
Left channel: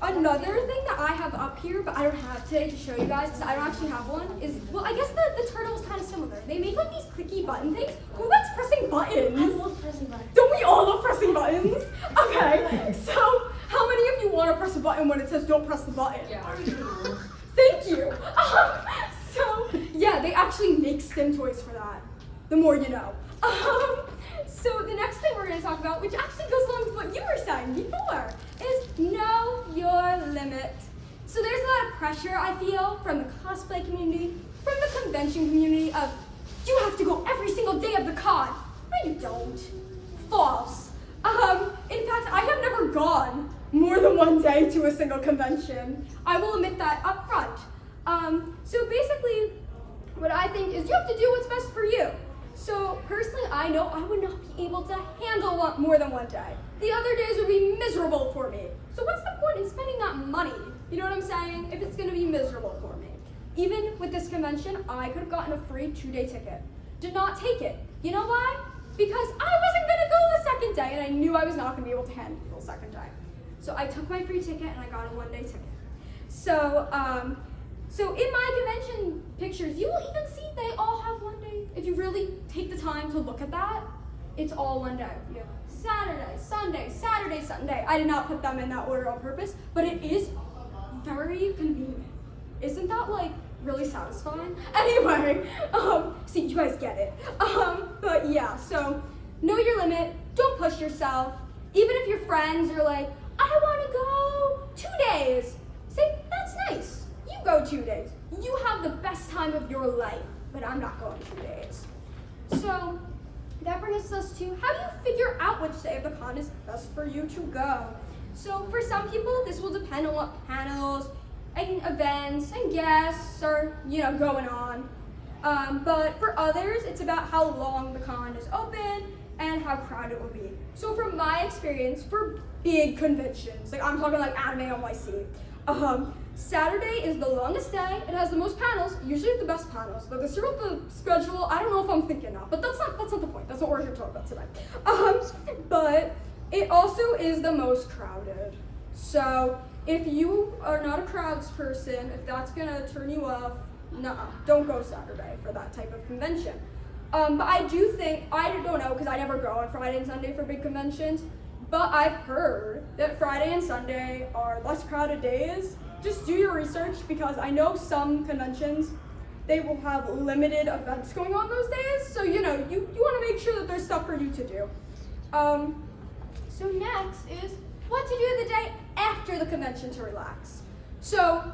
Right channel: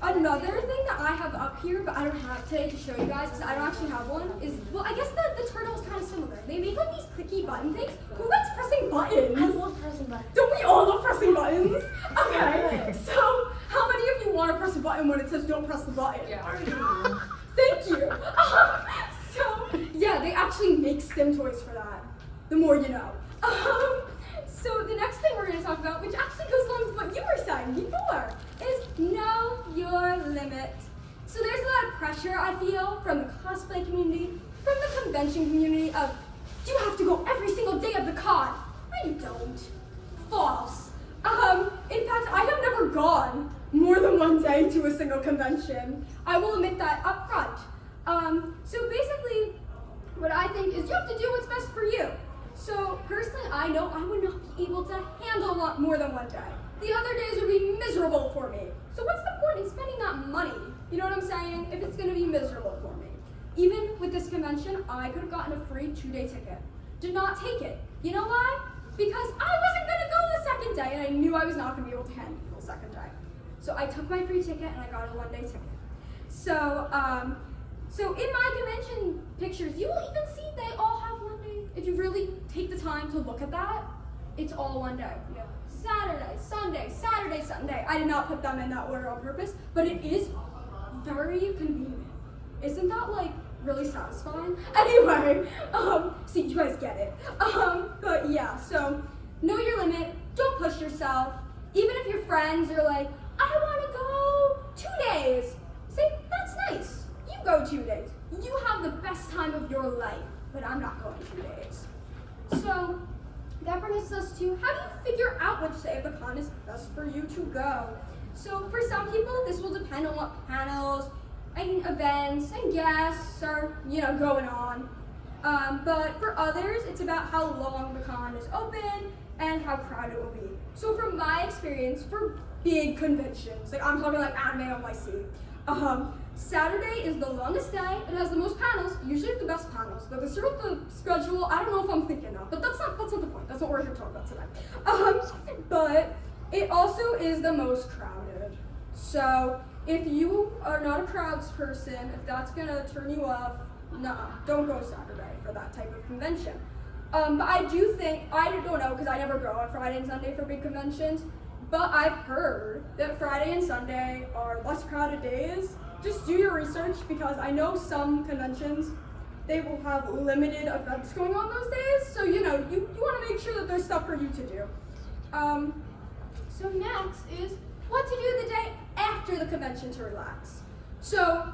another thing that I have up here, but I don't have today to show you guys because I don't actually have one, is, well, I guess the turtle is kind of similar. They make like these clicky button things. Who likes pressing buttons? I love pressing buttons. Don't we all love pressing buttons? Okay, so how many of you want to press a button when it says don't press the button? Yeah. Thank you. So, yeah, they actually make STEM toys for that. The more you know. So the next thing we're going to talk about, which actually goes along with what you were saying before, is know your limit. So there's a lot of pressure, I feel, from the cosplay community, from the convention community of, you have to go every single day of the con. No, you don't. False. In fact, I have never gone more than one day to a single convention. I will admit that up front. So basically, what I think is you have to do what's best for you. So personally, I know I would not be able to handle more than one day. The other days would be miserable for me. So what's the point in spending that money? You know what I'm saying? If it's gonna be miserable for me. Even with this convention, I could have gotten a free 2-day ticket. Did not take it. You know why? Because I wasn't gonna go the second day and I knew I was not gonna be able to handle the second day. So I took my free ticket and I got a 1-day ticket. So, so in my convention pictures, you will even see they all have 1 day. If you really take the time to look at that, it's all 1 day. You have Saturday, Sunday, Saturday, Sunday. I did not put them in that order on purpose, but it is very convenient. Isn't that like really satisfying? Anyway, see, you guys get it. But yeah, so know your limit. Don't push yourself. Even if your friends are like, I want to go 2 days. Say, that's nice. You go 2 days. You have the best time of your life, but I'm not going 2 days. So that brings us to, how do you figure out which day of the con is best for you to go? So for some people, this will depend on what panels and events and guests are, going on. But for others, it's about how long the con is open and how crowded it will be. So from my experience, for big conventions, like I'm talking like Anime NYC, Saturday is the longest day. It has the most panels, usually the best panels. But this year with the schedule, I don't know if I'm thinking of, but that's not the point. That's what we're here to talk about today. But it also is the most crowded. So if you are not a crowds person, if that's gonna turn you off, no, don't go Saturday for that type of convention. But I do think, I don't know, because I never go on Friday and Sunday for big conventions, but I've heard that Friday and Sunday are less crowded days. Just do your research, because I know some conventions, they will have limited events going on those days, so you know, you want to make sure that there's stuff for you to do. So next is what to do the day after the convention to relax. So,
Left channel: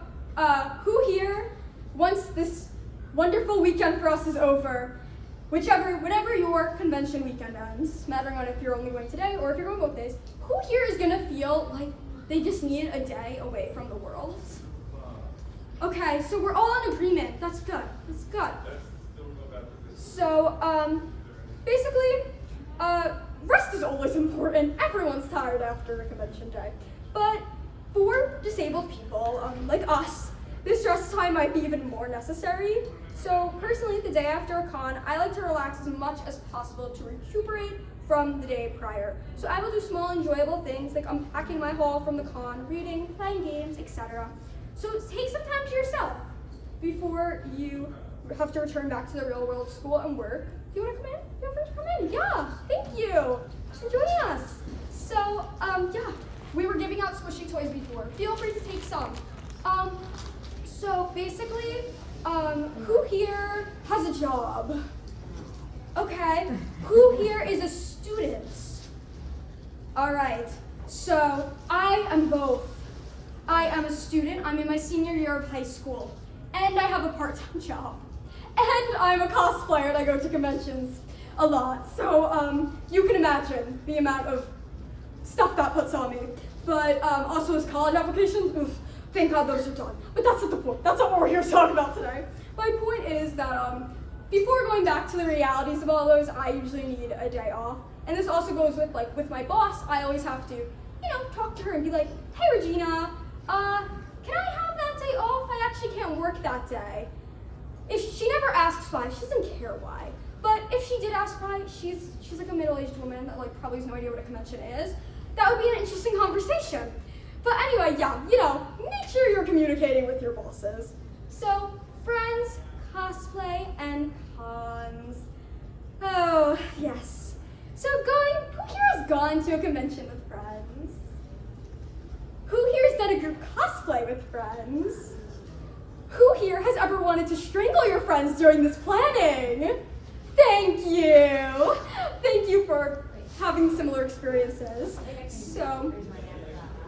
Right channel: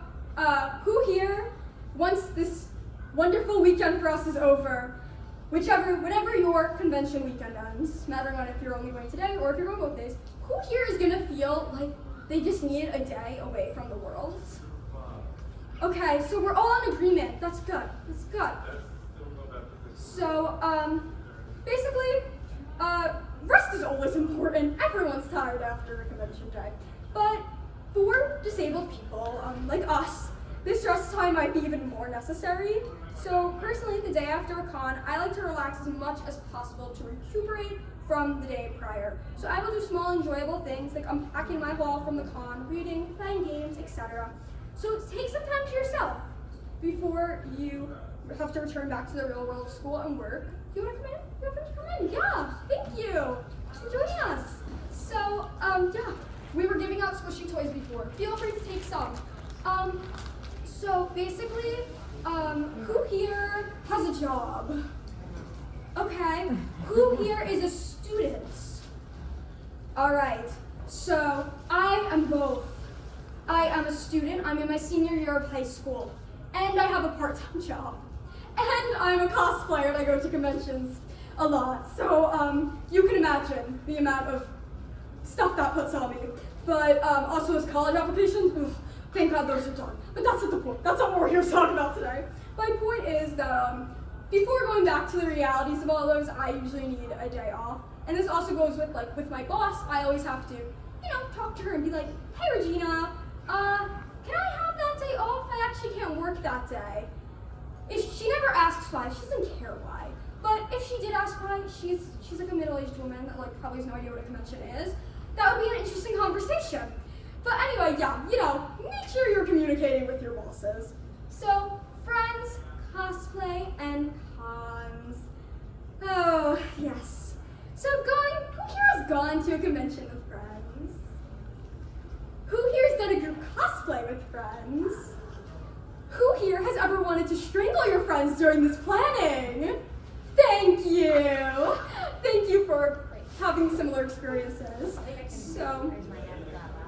who here, once this wonderful weekend for us is over, whenever your convention weekend ends, mattering on if you're only going today or if you're going both days, who here is gonna feel like they just need a day away from the world? Okay, so we're all in agreement. That's good. That's good. So, basically, rest is always important. Everyone's tired after a convention day. But for disabled people, like us, this rest time might be even more necessary. So personally, the day after a con, I like to relax as much as possible to recuperate from the day prior. So I will do small enjoyable things like unpacking my haul from the con, reading, playing games, etc. So take some time to yourself before you have to return back to the real world, school and work. Do you want to come in? Feel free to come in. Yeah, thank you for joining us. So, yeah, we were giving out squishy toys before. Feel free to take some. So basically, who here has a job? Okay, who here is a student? All right, so I am both. I am a student, I'm in my senior year of high school, and I have a part-time job. And I'm a cosplayer and I go to conventions a lot. So you can imagine the amount of stuff that puts on me. But also as college applications, oof, thank God those are done. But that's not the point. That's not what we're here to talk about today. My point is that before going back to the realities of all those, I usually need a day off. And this also goes with my boss. I always have to, talk to her and be like, hey Regina, can I have that day off? I actually can't work that day. If she never asks why, she doesn't care why. But if she did ask why, she's like a middle-aged woman that probably has no idea what a convention is. That would be an interesting conversation. But anyway, yeah, make sure you're communicating with your bosses. So, friends, cosplay, and cons. Oh, yes. So who here has gone to a convention with friends? Who here has done a group cosplay with friends? Who here has ever wanted to strangle your friends during this planning? Thank you. Thank you for having similar experiences. So,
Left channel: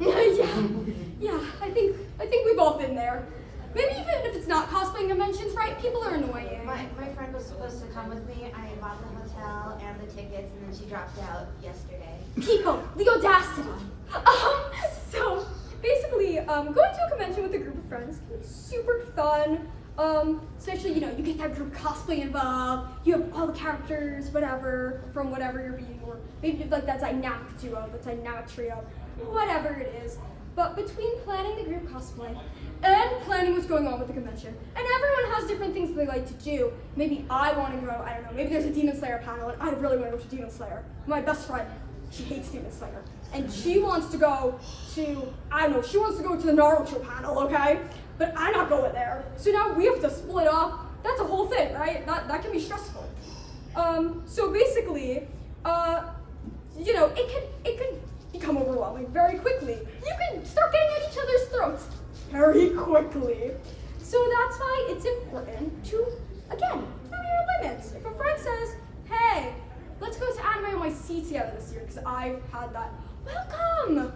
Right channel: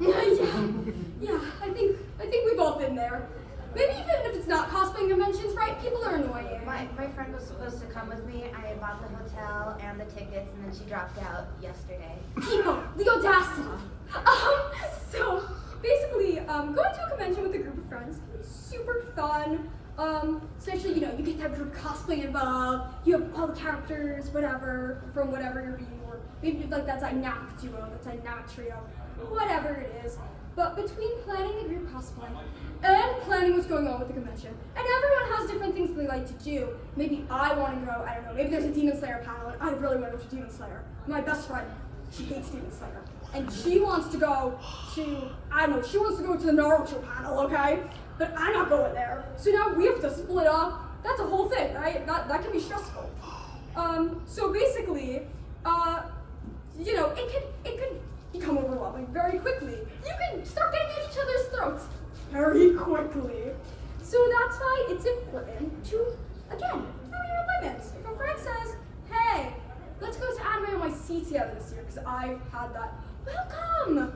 yeah, I think we've all been there. Maybe even if it's not cosplaying conventions, right? People are annoying. My friend was supposed to come with me. I bought the hotel and the tickets, and then she dropped out yesterday. People, the audacity. So basically, going to a convention with a group of friends can be super fun. Especially, you get that group cosplay involved. You have all the characters, whatever, from whatever you're being, or maybe you have that dynamic duo, that dynamic trio, whatever it is. But between planning the group cosplay and planning what's going on with the convention, and everyone has different things they like to do. Maybe I want to go, I don't know, maybe there's a Demon Slayer panel, and I really want to go to Demon Slayer. My best friend, she hates Demon Slayer. And she wants to go to, I don't know, she wants to go to the Naruto panel, okay? But I'm not going there. So now we have to split up. That's a whole thing, right? That can be stressful. So basically, it could become overwhelming very quickly. You can start getting at each other's throats very quickly. So that's why it's important to, again, know your limits. If a friend says, hey, let's go to Anime NYC together this year, because I've had that, welcome!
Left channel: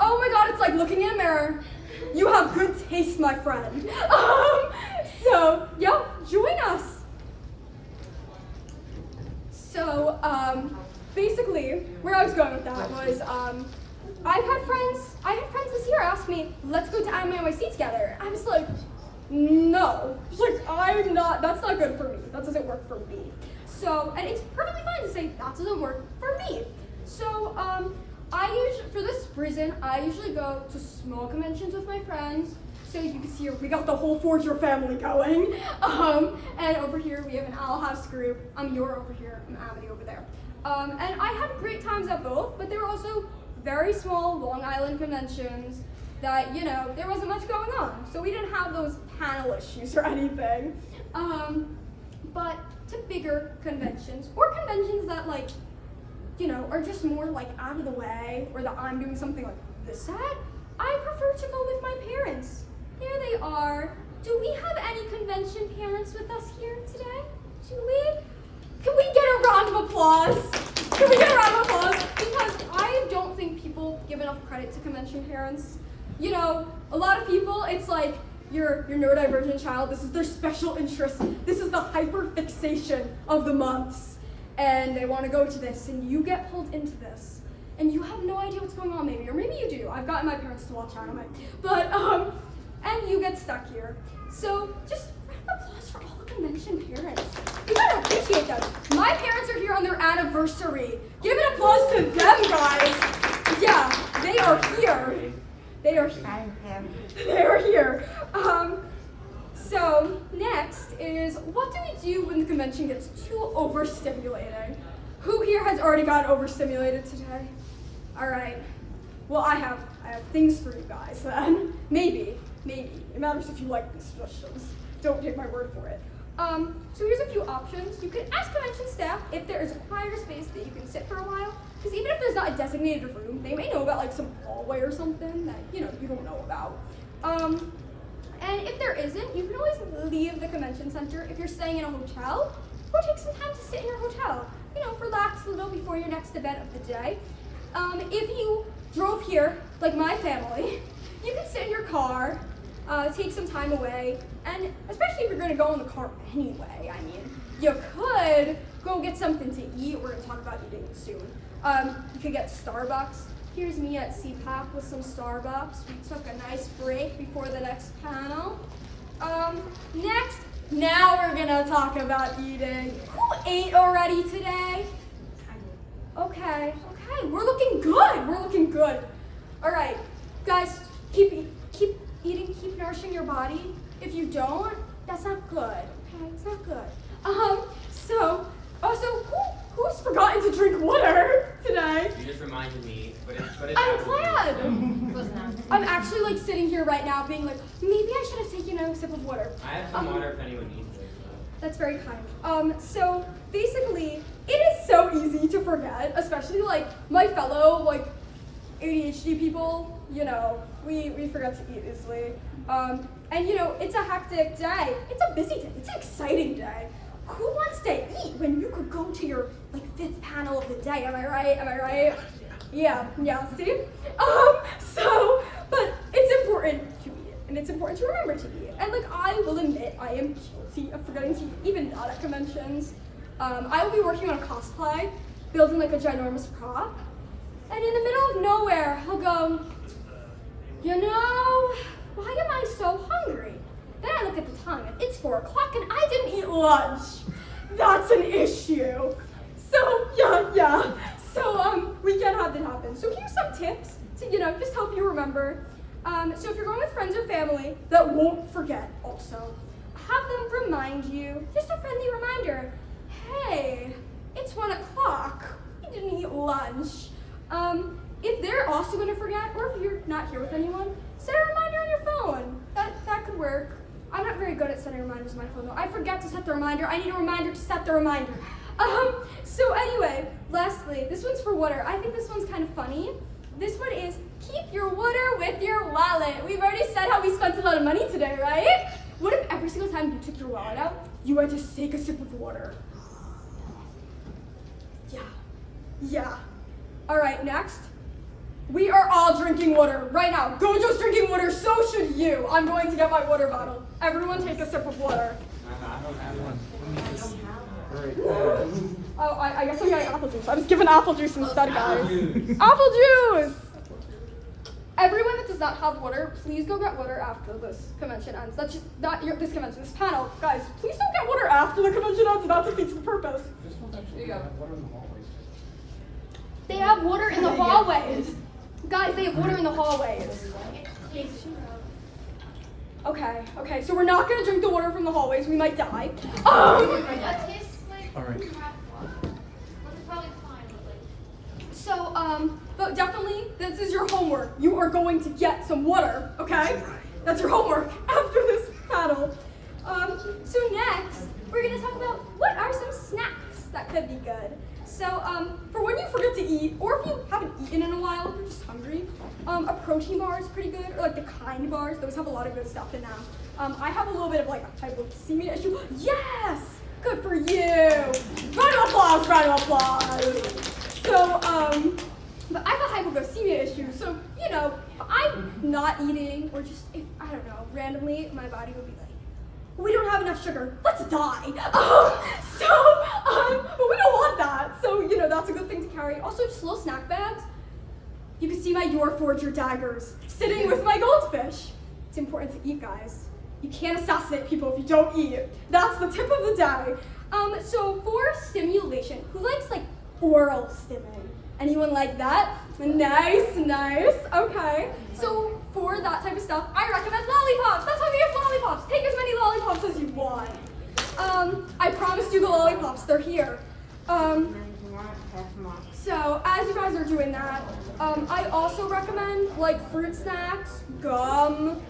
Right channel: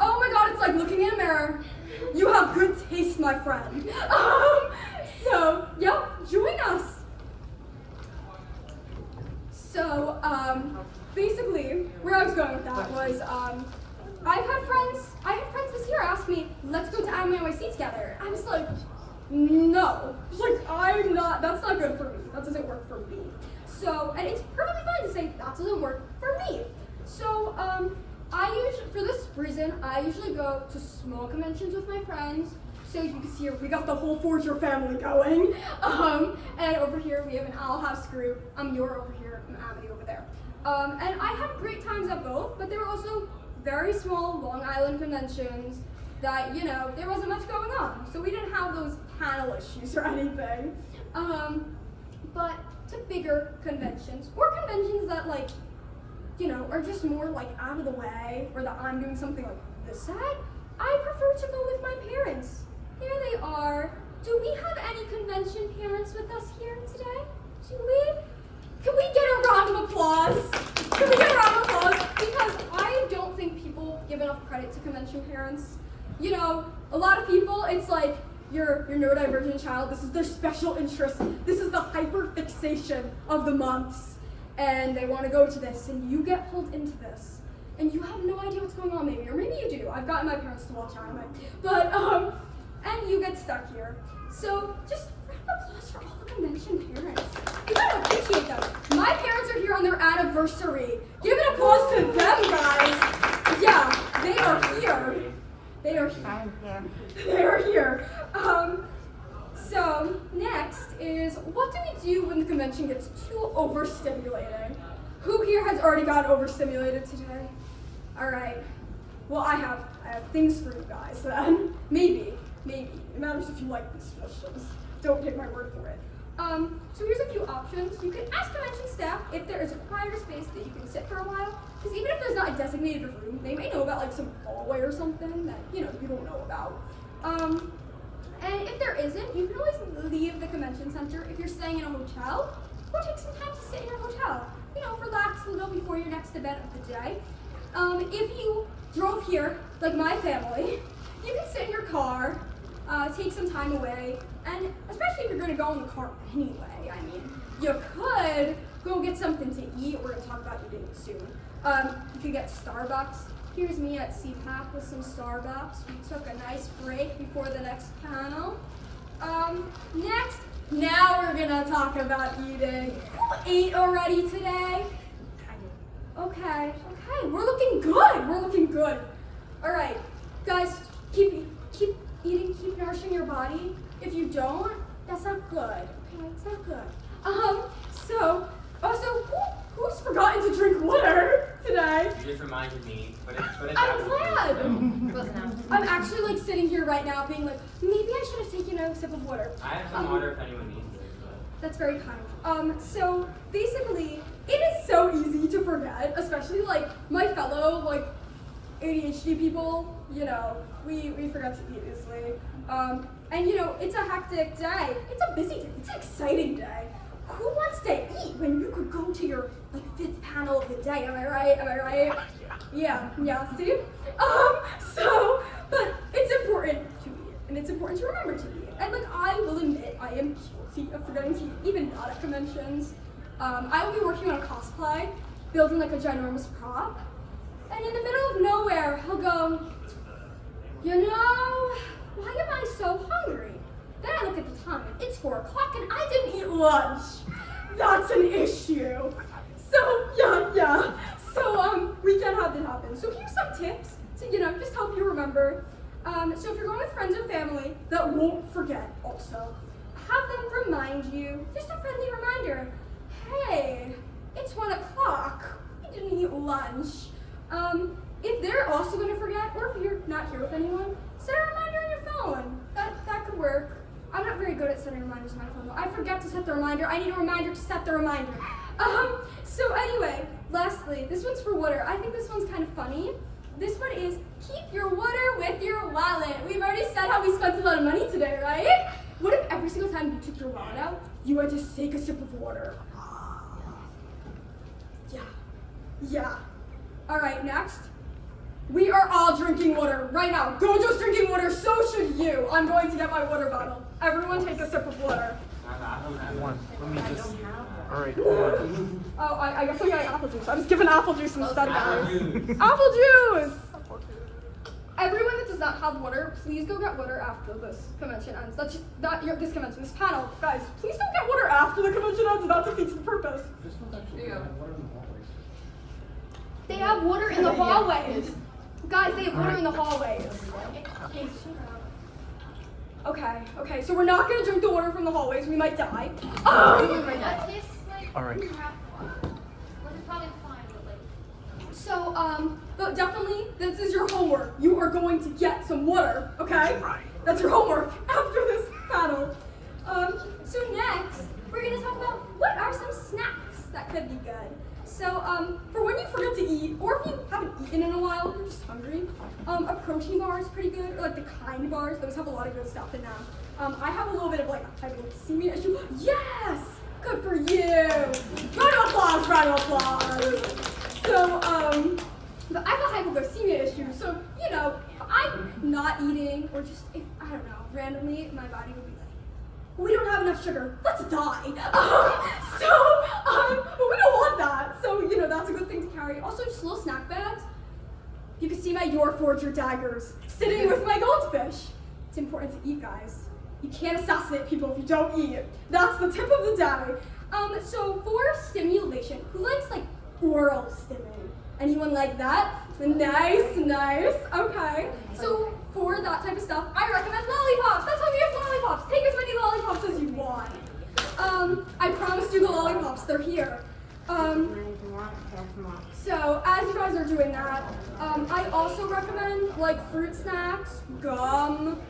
Oh my god, it's like looking in a mirror. You have good taste, my friend. So, yeah, join us. So, basically, where I was going with that was, I've had friends this year ask me, let's go to Anime NYC together. I was like, no. That's not good for me. That doesn't work for me. So, and it's perfectly fine to say, that doesn't work for me. So, for this reason, I usually go to small conventions with my friends. So you can see here, we got the whole Forger family going. And over here, we have an Owl House group. You're over here, I'm Amity over there. And I had great times at both, but they were also very small Long Island conventions. that, you know, there wasn't much going on. So we didn't have those panel issues or anything. But to bigger conventions, or conventions that, like, you know, are just more like out of the way, or that I'm doing something like this side, I prefer to go with my parents. Here they are. Do we have any convention parents with us here today? Do we? Can we get a round of applause? Can we get a round of applause? Because I don't think people give enough credit to convention parents. You know, a lot of people, it's like, your neurodivergent child, this is their special interest. This is the hyperfixation of the months. And they want to go to this, and you get pulled into this. And you have no idea what's going on, maybe, or maybe you do. I've gotten my parents to watch anime. But, and you get stuck here. So, just round of applause for all the convention parents. You gotta appreciate them. My parents are here on their anniversary. Give an applause to them, guys. Yeah, they are here. They are here. They are here. So next is, what do we do when the convention gets too overstimulating? Who here has already gotten overstimulated today? All right. Well, I have things for you guys then. Maybe. It matters if you like these suggestions. Don't take my word for it. So here's a few options. You can ask convention staff if there is a quieter space that you can sit for a while. Because even if there's not a designated room, they may know about like some hallway or something that, you know, you don't know about. And if there isn't, you can always leave the convention center. If you're staying in a hotel, go take some time to sit in your hotel. You know, relax a little before your next event of the day. If you drove here, like my family, you can sit in your car, take some time away, and especially if you're going to go in the car anyway, I mean, you could go get something to eat. We're going to talk about eating soon. You could get Starbucks. Here's me at CPAC with some Starbucks. We took a nice break before the next panel. Next, now we're gonna talk about eating. Who ate already today? Okay, we're looking good. All right, guys, keep eating, keep nourishing your body. If you don't, that's not good, okay? It's not good. So, also, who's forgotten to drink water today? You just reminded me, but it's I'm glad. Close enough. I'm actually like sitting here right now being like, maybe I should have taken a sip of water. I have some water if anyone needs it. That's very kind. So basically, it is so easy to forget, especially like my fellow like ADHD people, you know, we forget to eat easily. And you know, it's a hectic day. It's a busy day. It's an exciting day. Who wants to eat when you could go to your like 5th panel of the day? Am I right? Yeah, see? So, but it's important to eat, and it's important to remember to eat. And like, I will admit, I am guilty of forgetting to eat, even not at conventions. I will be working on a cosplay, building like a ginormous prop, and in the middle of nowhere, I'll go, you know, why am I so hungry? Then I look at the time, and it's 4 o'clock, and I didn't eat lunch. That's an issue. So, yeah. So, we can have that happen. So here's some tips to, you know, just help you remember. So if you're going with friends or family that won't forget also, have them remind you, just a friendly reminder, hey, it's 1 o'clock, you didn't eat lunch. If they're also going to forget, or if you're not here with anyone, set a reminder on your phone. That could work. I'm not very good at setting reminders on my phone though. I forget to set the reminder. I need a reminder to set the reminder. So anyway, lastly, this one's for water. I think this one's kind of funny. This one is, keep your water with your wallet. We've already said how we spent a lot of money today, right? What if every single time you took your wallet out, you had to take a sip of water? Yeah. All right, next. We are all drinking water right now. Gojo's drinking water, so should you. I'm going to get my water bottle. Everyone take a sip of water. Alright. Oh, I guess I'm getting apple juice. I'm just giving apple juice instead, guys. Juice. Apple juice! Everyone that does not have water, please go get water after this convention ends. That's just not this convention, this panel. Guys, please don't get water after the convention ends. That defeats the purpose. They have water in the hallways. Guys, they have water in the hallways. Okay, so we're not gonna drink the water from the hallways. We might die. That tastes like Alright. crap water. Well, it's probably fine, but like. So, but definitely, the this is your homework. You are going to get some water, okay? That's your homework after this battle. So next, we're gonna talk about what are some snacks that could be good. So, for when you forget to eat, or if you haven't eaten in a while, you're just hungry, a protein bar is pretty good, or like the Kind bars, those have a lot of good stuff in them. I have a little bit of like a hypoglycemia issue. Yes! Good for you! Round of applause, round of applause! So, but I have a hypoglycemia issue, so, you know, if I'm not eating, or just, if, I don't know, randomly, my body will be like, we don't have enough sugar, let's die. But we don't want that. So, you know, that's a good thing to carry. Also, just little snack bags. You can see my Your Forger daggers sitting with my goldfish. It's important to eat, guys. You can't assassinate people if you don't eat. That's the tip of the day. So for stimulation, who likes like oral stimming? Anyone like that? Nice, nice. Okay. So for that type of stuff, I recommend lollipops. That's why we have lollipops. Take as many lollipops as you want. I promised you the lollipops. They're here. So as you guys are doing that, I also recommend like fruit snacks, gum,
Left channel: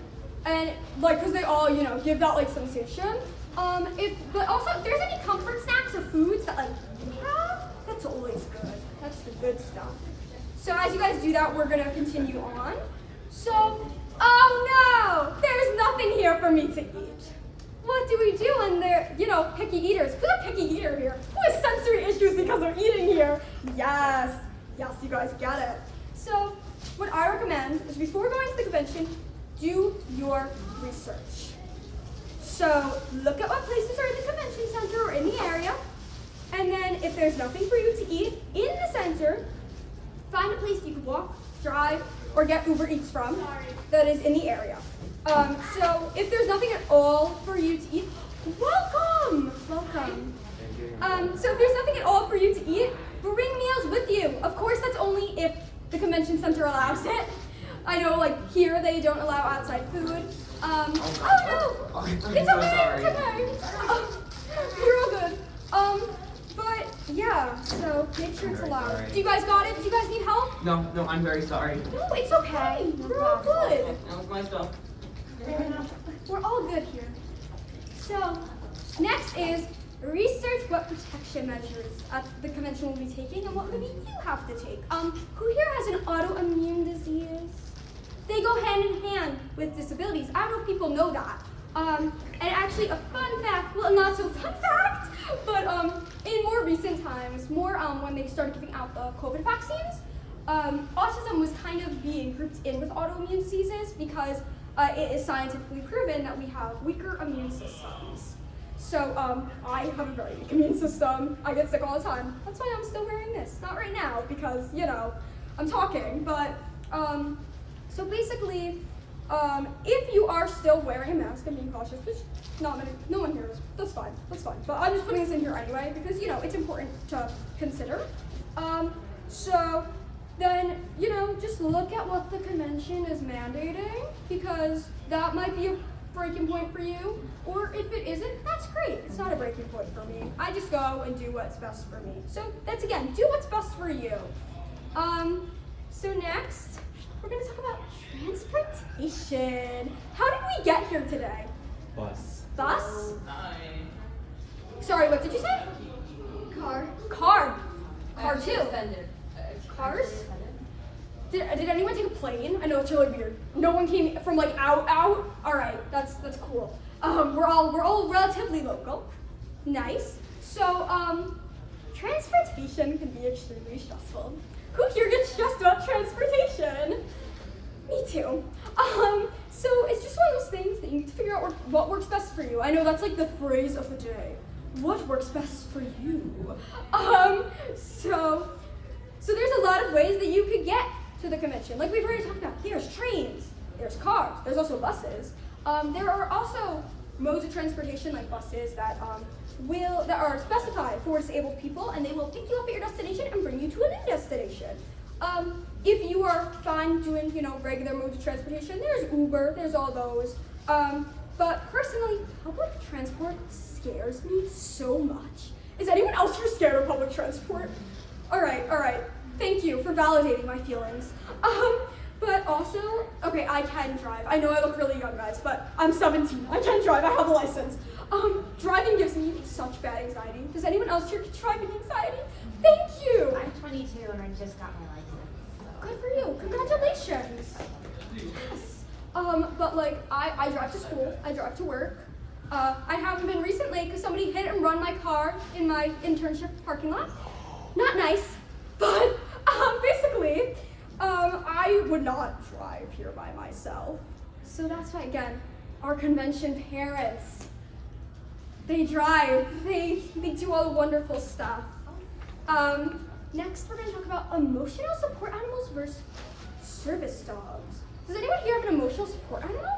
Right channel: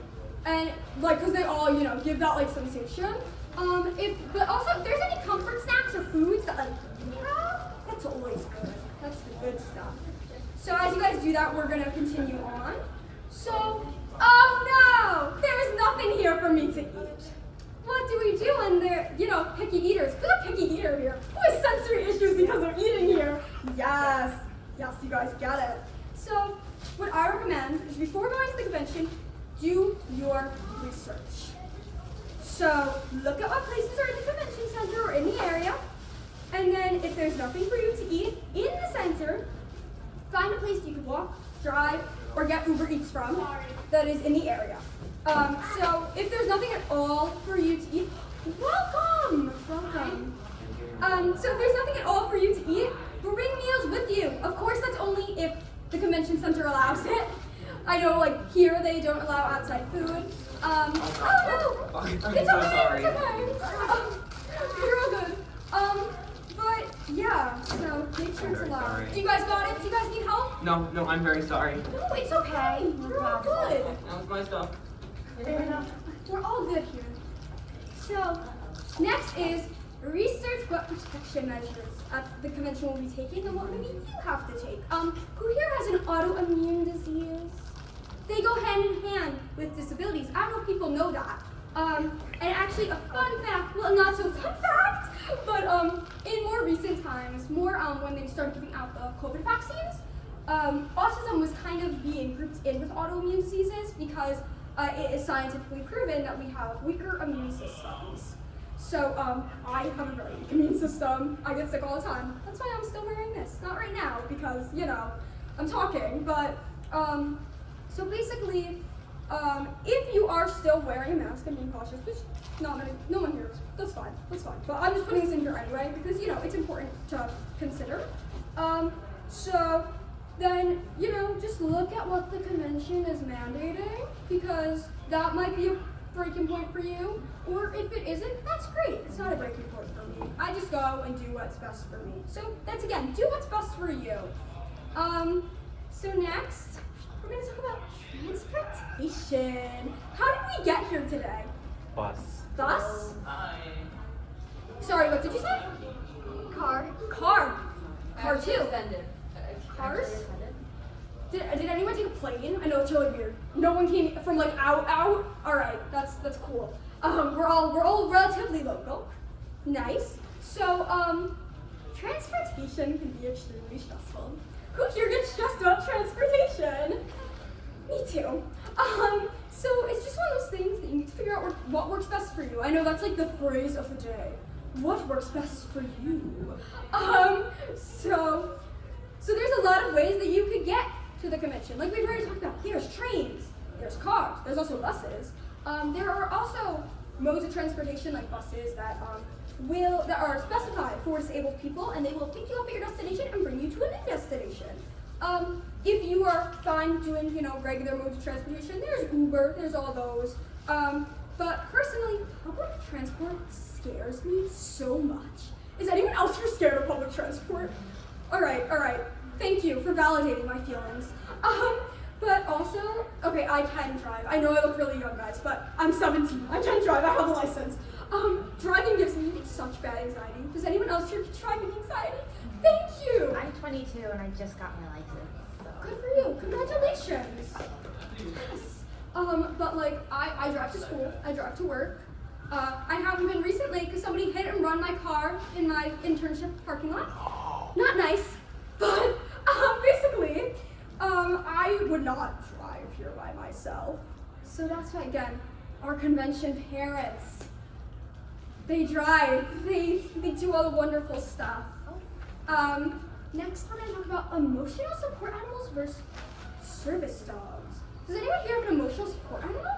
and like because they all, you know, give that like sensation. But also if there's any comfort snacks or foods that like you have, that's always good. That's the good stuff. So as you guys do that, we're gonna continue on. So, oh no, there's nothing here for me to eat. What do we do when they're, you know, picky eaters? Who's a picky eater here? Who has sensory issues because of eating here? Yes, yes, you guys get it. So, what I recommend is before going to the convention, do your research. So, look at what places are in the convention center or in the area, and then if there's nothing for you to eat in the center, find a place you can walk, drive, or get Uber Eats from that is in the area. So if there's nothing at all for you to eat, welcome, welcome. So if there's nothing at all for you to eat, bring meals with you. Of course, that's only if the convention center allows it. I know, like here they don't allow outside food. Oh no, I'm it's so okay, sorry. it's okay. You're all good. But yeah, so make sure it's very allowed. sorry. Do you guys got it? Do you guys need help? No, I'm very sorry. No, it's okay. We're all good. That was my stuff. We're all good here. So, next is research what protection measures at the convention will be taking and what maybe you have to take. Who here has an autoimmune disease? They go hand in hand with disabilities. I don't know if people know that. And actually a fun fact, well not so fun fact, but in more recent times, more when they started giving out the COVID vaccines, autism was kind of being grouped in with autoimmune diseases because it is scientifically proven that we have weaker immune systems. So I have a very weak immune system. I get sick all the time. That's why I'm still wearing this. Not right now because, you know, I'm talking, but so basically, if you are still wearing a mask and being cautious, which no one here is, that's fine. But I'm just putting this in here anyway because, you know, it's important to consider. So then, you know, just look at what the convention is mandating because that might be a breaking point for you. Or if it isn't, that's great. It's not a breaking point for me. I just go and do what's best for me. So that's again, do what's best for you. So next, we're gonna talk about transportation. How did we get here today? Bus. Bus? Hi. Sorry, what did you say? Car. Car. Car too. Offended. Cars? Did anyone take a plane? I know it's really weird. No one came from like out. All right, that's cool. We're all relatively local. Nice. So transportation can be extremely stressful. Who here gets stressed about transportation? Me too. So it's just one of those things that you need to figure out what works best for you. I know that's like the phrase of the day. What works best for you? So there's a lot of ways that you could get to the convention. Like we've already talked about, there's trains, there's cars, there's also buses. There are also modes of transportation like buses that are specified for disabled people, and they will pick you up at your destination and bring you to a new destination. If you are fine doing, you know, regular modes of transportation, there's Uber, there's all those. But personally, public transport scares me so much. Is anyone else here scared of public transport? All right. thank you for validating my feelings. But also, okay, I can drive. I know I look really young, guys, but I'm 17. I can drive. I have a license. Driving gives me such bad anxiety. Does anyone else here get driving anxiety? Thank you. I'm 22 and I just got my license. Good for you. Congratulations. Yes. But like, I drive to school. I drive to work. I haven't been recently because somebody hit and run my car in my internship parking lot. Not nice, but basically, I would not drive here by myself. So that's why, again, our convention parents, they drive, they do all the wonderful stuff. Next, we're going to talk about emotional support animals versus service dogs. Does anyone here have an emotional support animal?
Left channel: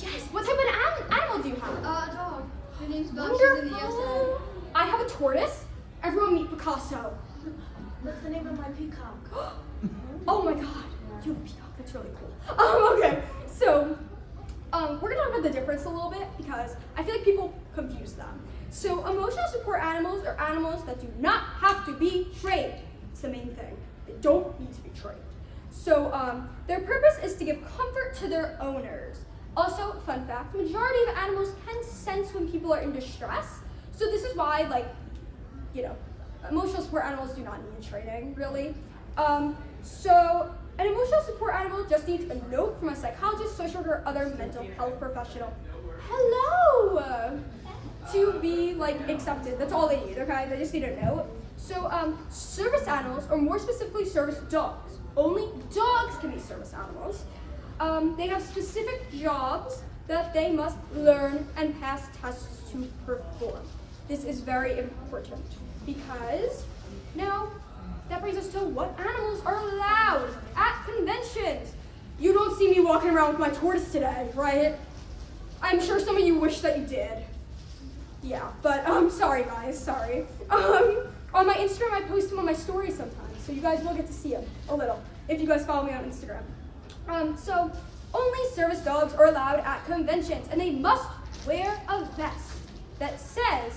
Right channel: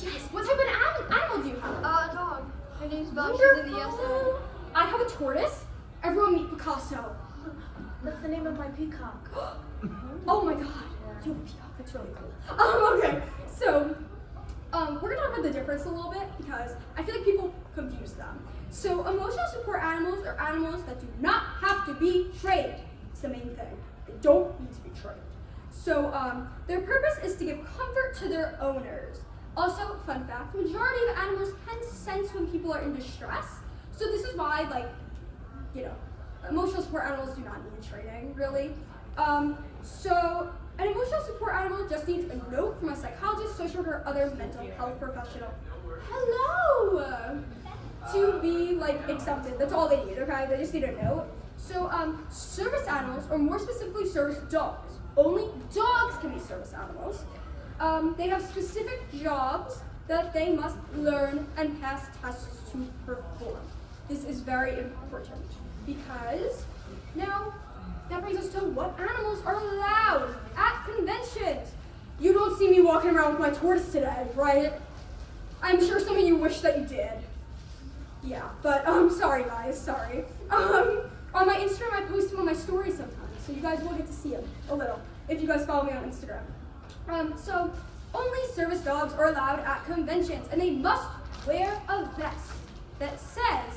Yes. What type of animal do you have? A dog. Her name's Belle. She's in the Wonderful. I have a tortoise. Everyone meet Picasso. What's the name of my peacock? Oh my god. You have a peacock. That's really cool. Okay. So, we're going to talk about the difference a little bit because I feel like people confuse them. So, emotional support animals are animals that do not have to be trained. It's the main thing. They don't need to be trained. So, their purpose is to give comfort to their owners. Also, fun fact, the majority of animals can sense when people are in distress. So this is why, like, you know, emotional support animals do not need training, really. So an emotional support animal just needs a note from a psychologist, social worker, or other mental health professional. Hello! To be, like, accepted. That's all they need, okay? They just need a note. So, service animals, or more specifically service dogs. Only dogs can be service animals. They have specific jobs that they must learn and pass tests to perform. This is very important because now that brings us to what animals are allowed at conventions. You don't see me walking around with my tortoise today, right? I'm sure some of you wish that you did. Yeah, but sorry guys, sorry. On my Instagram, I post him on my stories sometimes, so you guys will get to see him a little if you guys follow me on Instagram. So only service dogs are allowed at conventions, and they must wear a vest that says,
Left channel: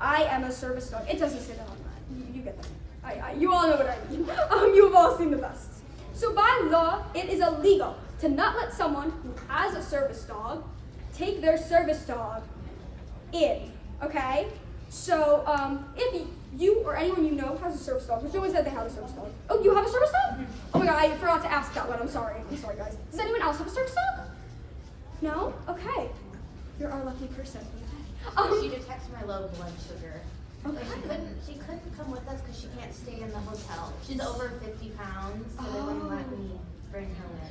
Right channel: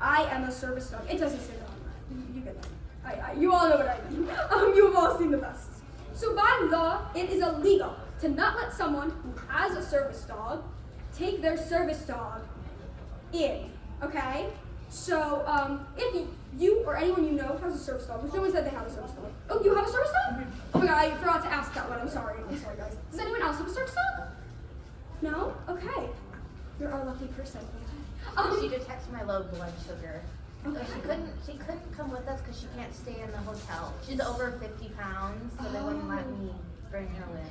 "I am a service dog." It doesn't say that on that. You get that. You all know what I mean. You've all seen the vests. So by law, it is illegal to not let someone who has a service dog take their service dog in. Okay? So if you or anyone you know has a service dog, which no one said they have a service dog. Oh, you have a service dog? Oh my god, I forgot to ask that one. I'm sorry, guys. Does anyone else have a service dog? No? Okay. You're our lucky person. She detects my low blood sugar. Okay. She couldn't come with us because she can't stay in the hotel. She's over 50 pounds, so they wouldn't let me bring her with.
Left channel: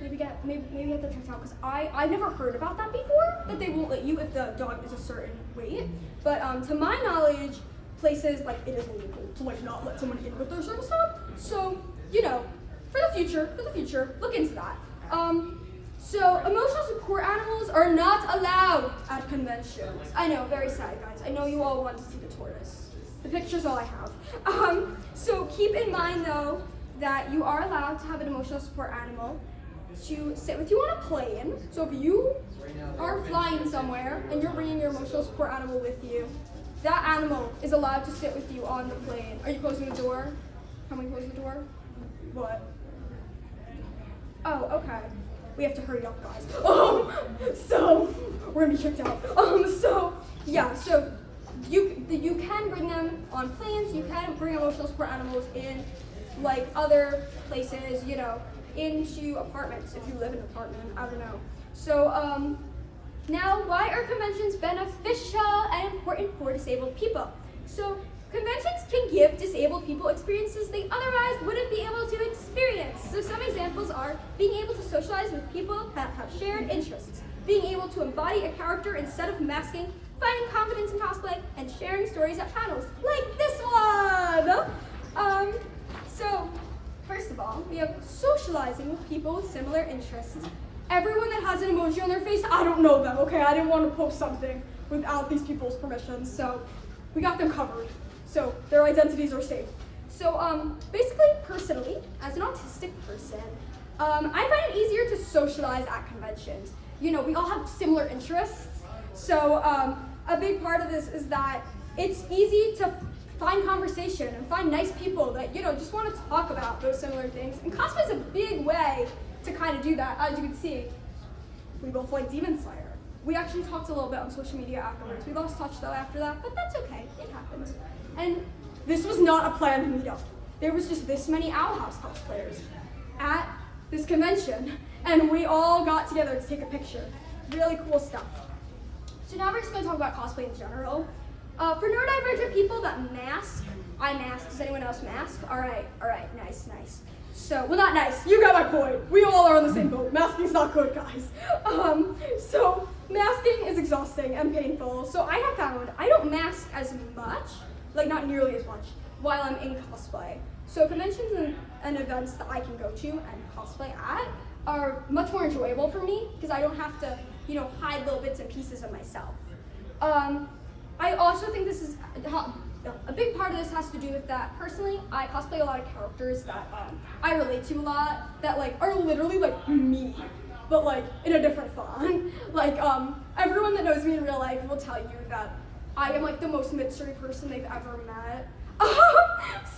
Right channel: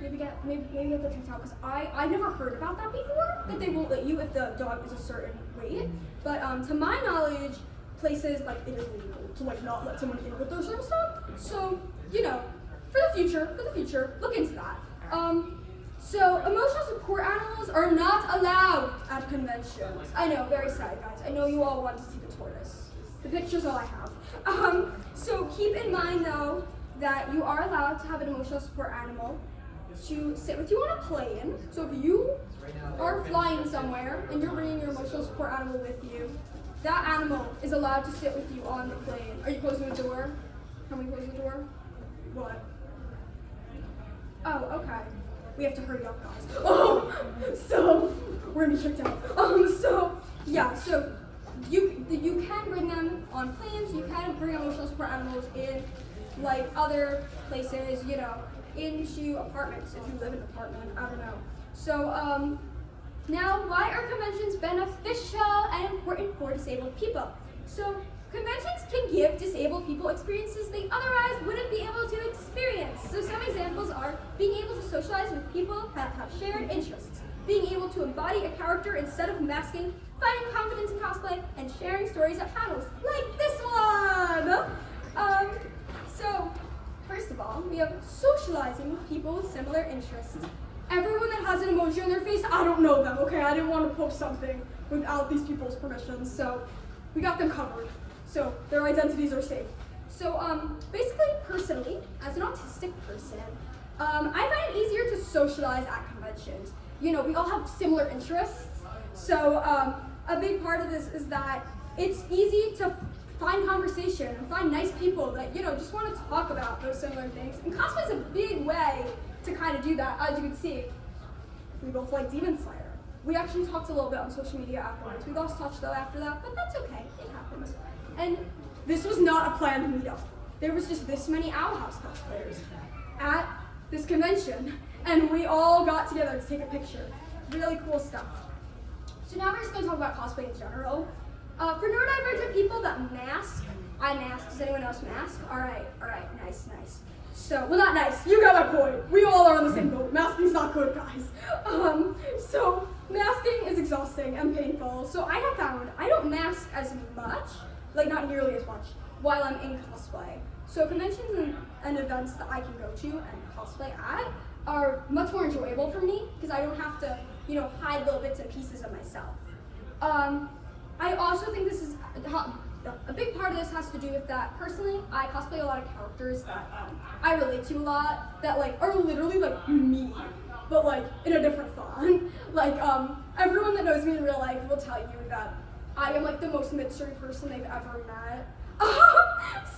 Maybe get the checked out because I've never heard about that before, that they won't let you if the dog is a certain weight. But to my knowledge, places like it is illegal to like not let someone in with their service dog. So, you know, for the future, look into that. So emotional support animals are not allowed at conventions. I know, very sad guys. I know you all want to see the tortoise. The picture's all I have. So keep in mind though that you are allowed to have an emotional support animal to sit with you on a plane. So if you are flying somewhere and you're bringing your emotional support animal with you, that animal is allowed to sit with you on the plane. Are you closing the door? Can we close the door? What? Oh, okay. We have to hurry up, guys. So we're gonna be checked out. So you can bring them on planes. You can bring emotional support animals in like other places, you know, into apartments if you live in an apartment. I don't know. So now, why are conventions beneficial and important for disabled people? So conventions can give disabled people experiences they otherwise wouldn't be able to experience. So some examples are being able to socialize with people that have shared interests, being able to embody a character instead of masking, finding confidence in cosplay, and sharing stories at panels like this one. So first of all, we have socializing with people with similar interests. Everyone that has an emoji on their face, I don't know them, okay? I didn't want to post something without these people's permission, so we got them covered. So their identities are safe. So basically, personally, as an autistic person, I find it easier to socialize at conventions. You know, we all have similar interests. So a big part of this is that it's easy to find conversation and find nice people that, just want to talk about those similar things. And cosplay is a big way to kind of do that. As you can see, we both like Demon Slayer. We actually talked a little bit on social media afterwards. We lost touch though after that, but that's okay. It happens. And this was not a planned meetup. There was just this many Owl House cosplayers at this convention, and we all got together to take a picture. Really cool stuff. So now we're just going to talk about cosplay in general. For neurodivergent people that mask, I mask. Does anyone else mask? All right, nice. So, well, not nice. You got my point. We all are on the same boat. Masking's not good, guys. So masking is exhausting and painful. So I have found I don't mask as much, like not nearly as much, while I'm in cosplay. So conventions and events that I can go to and cosplay at are much more enjoyable for me because I don't have to, hide little bits and pieces of myself. I also think this is a big part of this has to do with that. Personally, I cosplay a lot of characters that I relate to a lot that are literally me, but in a different font. Everyone that knows me in real life will tell you that I am the most mystery person they've ever met.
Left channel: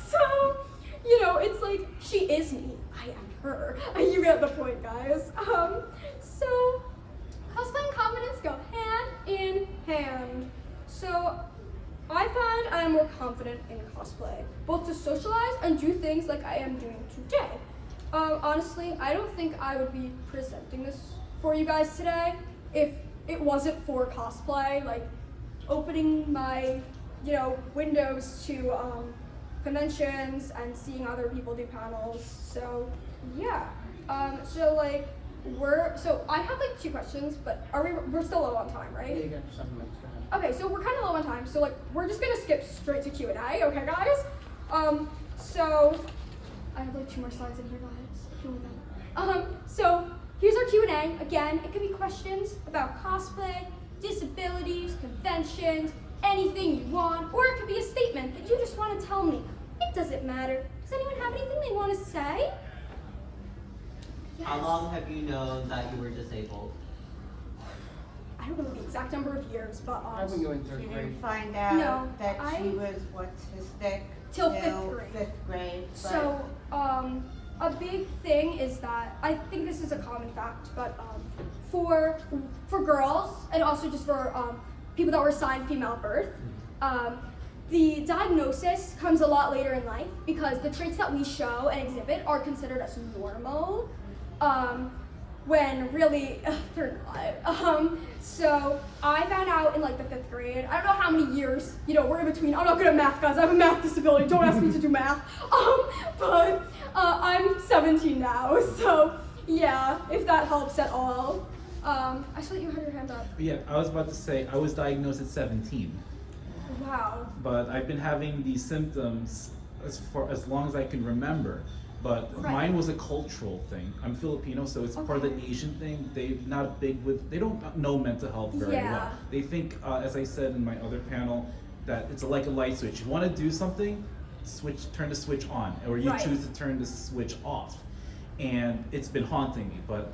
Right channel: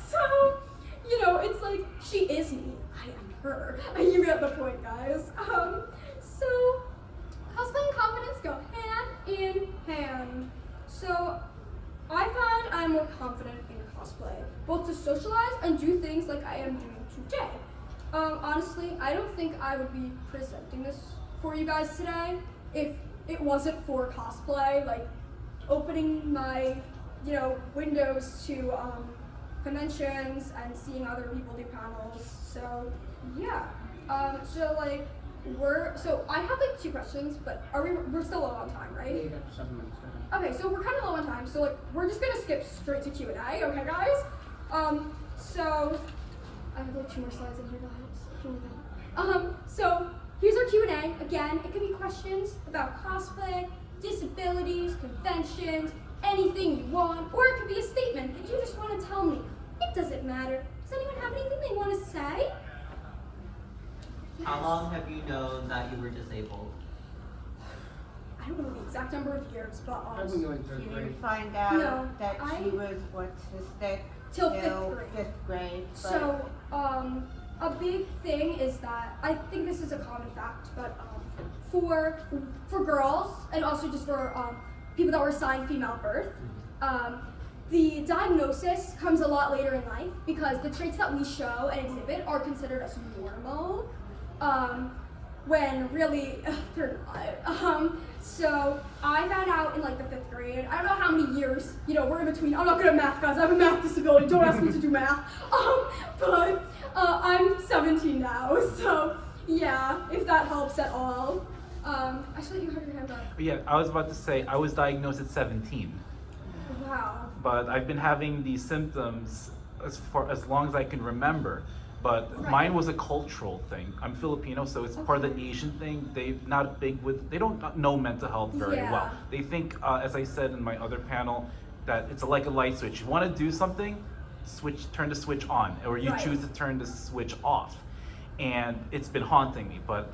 So, it's she is me, I am her. You get the point, guys. So cosplay and confidence go hand in hand. So I find I'm more confident in cosplay, both to socialize and do things like I am doing today. Honestly, I don't think I would be presenting this for you guys today if it wasn't for cosplay, opening my, windows to conventions and seeing other people do panels. So yeah, so I have 2 questions, but we're still low on time, right? Yeah, you got 7 minutes, go ahead. Okay, so we're kind of low on time, so we're just gonna skip straight to Q&A, okay guys? So I have 2 more slides in here, guys. So here's our Q&A. Again, it could be questions about cosplay, disabilities, conventions, anything you want, or it could be a statement that you just want to tell me. It doesn't matter. Does anyone have anything they want to say? How long have you known that you were disabled? I don't know the exact number of years, but I've been doing You 3rd grade. didn't find out No, that she was autistic till 5th grade. 5th grade. but- So, a big thing is that I think this is a common fact, but for girls and also just for people that were assigned female birth, the diagnosis comes a lot later in life because the traits that we show and exhibit are considered as normal, when really they're not. So I found out in the 5th grade. I don't know how many years, we're in between. I'm not good at math, guys. I have a math disability. Don't ask me to do math. But I'm 17 now, so yeah, if that helps at all. I saw that you had your hand up. Yeah, I was about to say, I was diagnosed at 17, Wow. but I've been having these symptoms as long as I can remember. But Right. mine was a cultural thing. I'm Filipino, so it's part of the Okay. Asian thing. They're not big with, they don't know mental health very Yeah. well. They think, as I said in my other panel, that it's like a light switch. You want to do something, turn the switch on, or you Right. choose to turn the switch off. And it's been haunting me, but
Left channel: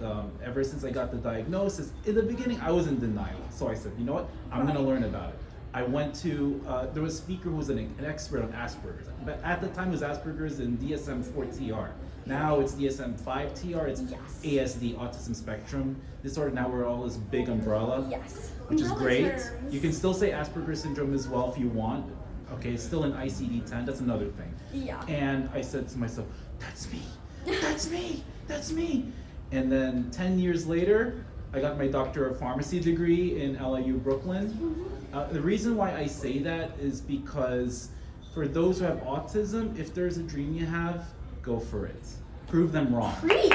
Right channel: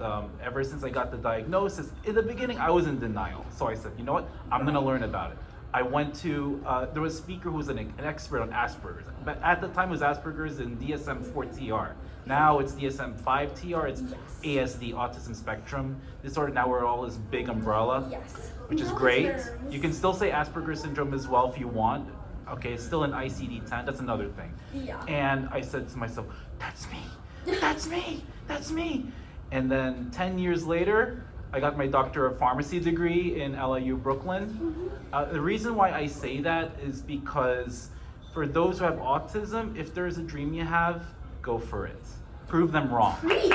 ever since I got the diagnosis, in the beginning I was in denial. So I said, you know what, I'm gonna learn about it. I went to, there was a speaker who was an expert on Asperger's. But at the time it was Asperger's and DSM-4-TR. Now it's DSM-5-TR, it's Yes. ASD, Autism Spectrum Disorder. Now we're all this big umbrella, Yes. which is Umbrella great. terms. You can still say Asperger's syndrome as well if you want. Okay, it's still an ICD-10, that's another thing. Yeah. And I said to myself, that's me, that's me, that's me. And then 10 years later, I got my Doctor of Pharmacy degree in LIU Brooklyn. The reason why I say that is because for those who have autism, if there's a dream you have, go for it. Prove them wrong. Preach.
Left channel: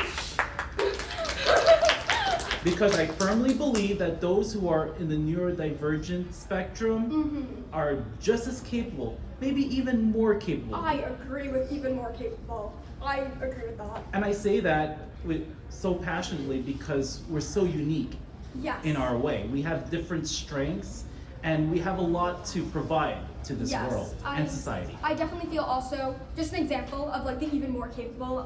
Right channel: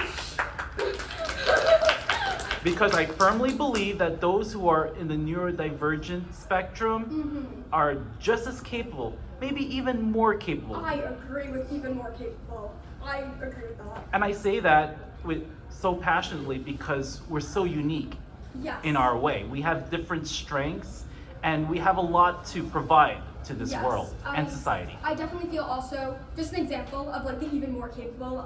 Because I firmly believe that those who are in the neurodivergent spectrum are just as capable, maybe even more capable. I agree with even more capable. I agree with that. And I say that with so passionately because we're so unique Yes. in our way. We have different strengths and we have a lot to provide to this Yes, world and society. I definitely feel also, just an example of the even more capable.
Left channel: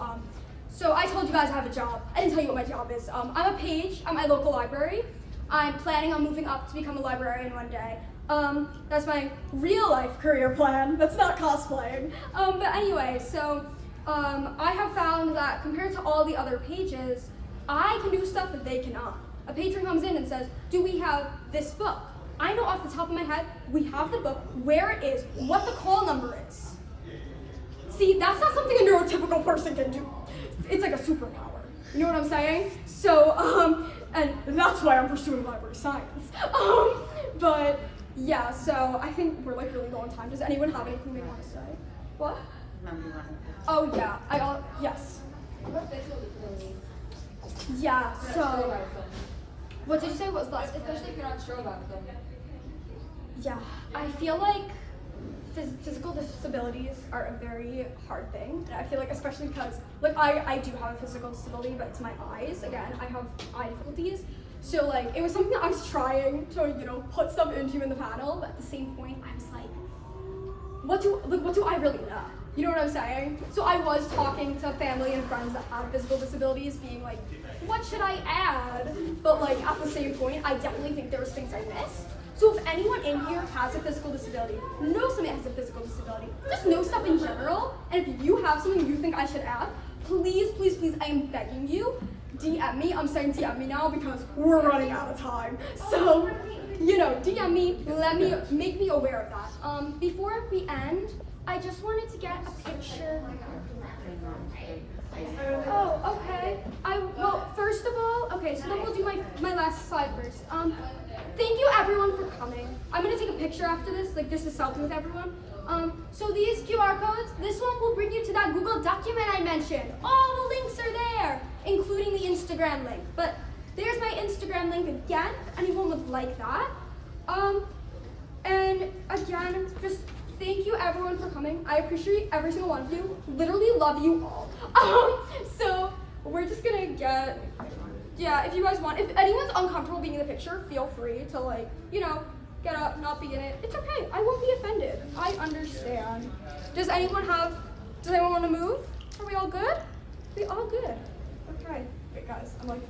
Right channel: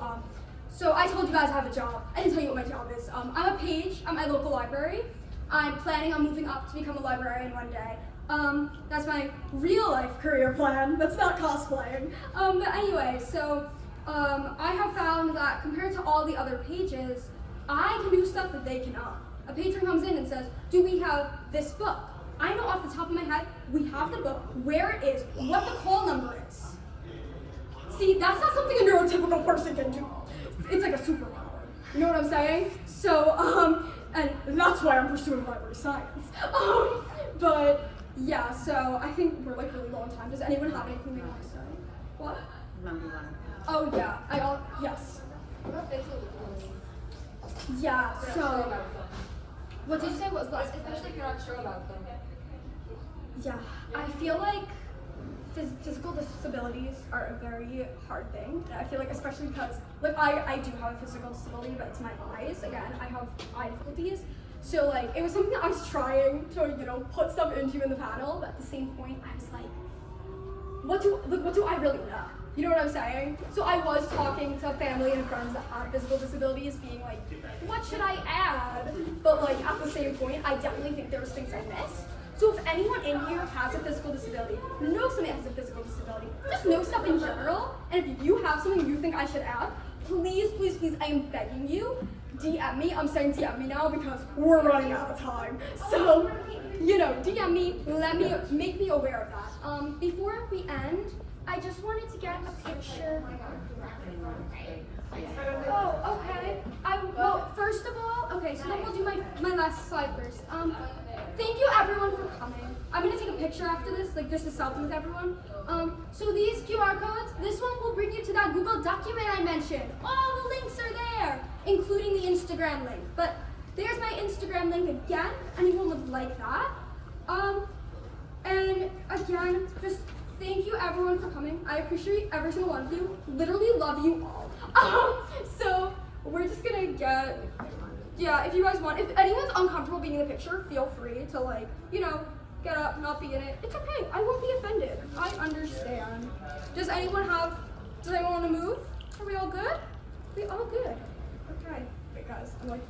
So I told you guys I have a job. I didn't tell you what my job is. I'm a page at my local library. I'm planning on moving up to become a librarian one day. That's my real life career plan. That's not cosplaying. But anyway, so I have found that compared to all the other pages, I can do stuff that they cannot. A patron comes in and says, do we have this book? I know off the top of my head, we have the book, where it is, what the call number is. See, that's not something a neurotypical person can do. It's like a superpower. You know what I'm saying? So, and that's why I'm pursuing library science. But yeah, so I think we're like really low on time. Does anyone have anything they want to say? What? Number one. Oh yeah, yes. Yeah, so, what did you say? What was last? Especially if you're not sure about them. Yeah, I feel like physical disabilities are a very hard thing. And I feel like especially because, like I do have a physical disability, but it's my eyes. Again, I have eye difficulties. So like, it was something that I was trying to, you know, put stuff into in the panel, but at the same point, I was like, what do I really know? You know what I'm saying? So I was talking to family and friends that had physical disabilities, being like, what should I add? But like, at the same point, I definitely think there was things I missed. So if anyone in here has a physical disability, knows somebody has a physical disability, just know stuff in general, and if you have something you think I should add, please, please, please, I am begging you, DM me. I'm saying DM me now because we're running out of time. So, you know, DM me, make me aware of that. Before we end, I just wanted to get a picture. Oh, okay. Well, first of all, okay, so then we'll do my last slide first. Thank you everyone for coming. I'm gonna take a picture after this, like just a selfie with everyone. So these QR codes, this one will bring you to that Google document I mentioned. All the links are there, including the Instagram link. But there's my Instagram link again, anyone would like that. And again, just thank you everyone for coming. I appreciate every single one of you. Literally love you all. So we're just gonna get, yeah, if you guys want, if anyone's uncomfortable being in the picture, feel free to like, you know, get up, not be in it. It's okay, I won't be offended. I understand. Does anyone want to move? Are we all good? We all good? Okay, wait guys, I'm like,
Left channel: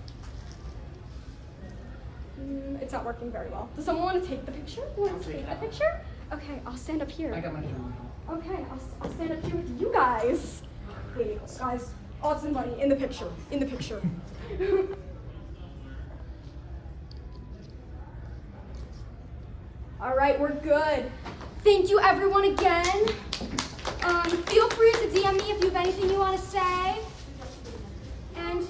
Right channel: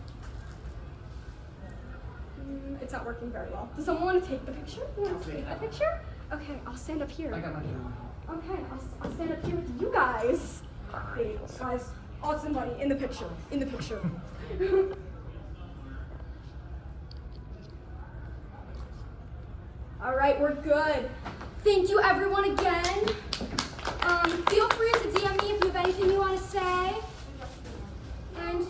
it's not working very well. Does someone want to take the picture? You want to take the picture? Okay, I'll stand up here. I got my camera. Okay, I'll stand up here with you guys. Wait, guys, awesome buddy, in the picture, in the picture. All right, we're good. Thank you everyone again. Feel free to DM me if you have anything you want to say. And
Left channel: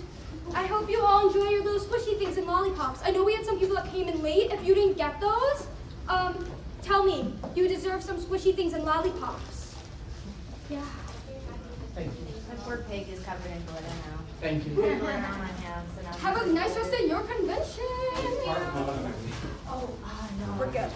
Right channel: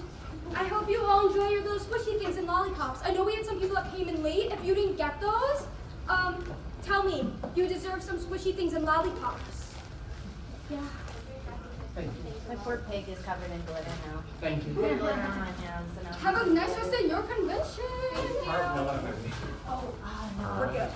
I hope you all enjoy your little squishy things and lollipops. I know we had some people that came in late. If you didn't get those, tell me. You deserve some squishy things and lollipops. Yeah. Thank you. My poor pig is covered in glitter now. Thank you. Glitter on my hands. And I'm Have a nice rest of your convention. No, Oh, no, we're good.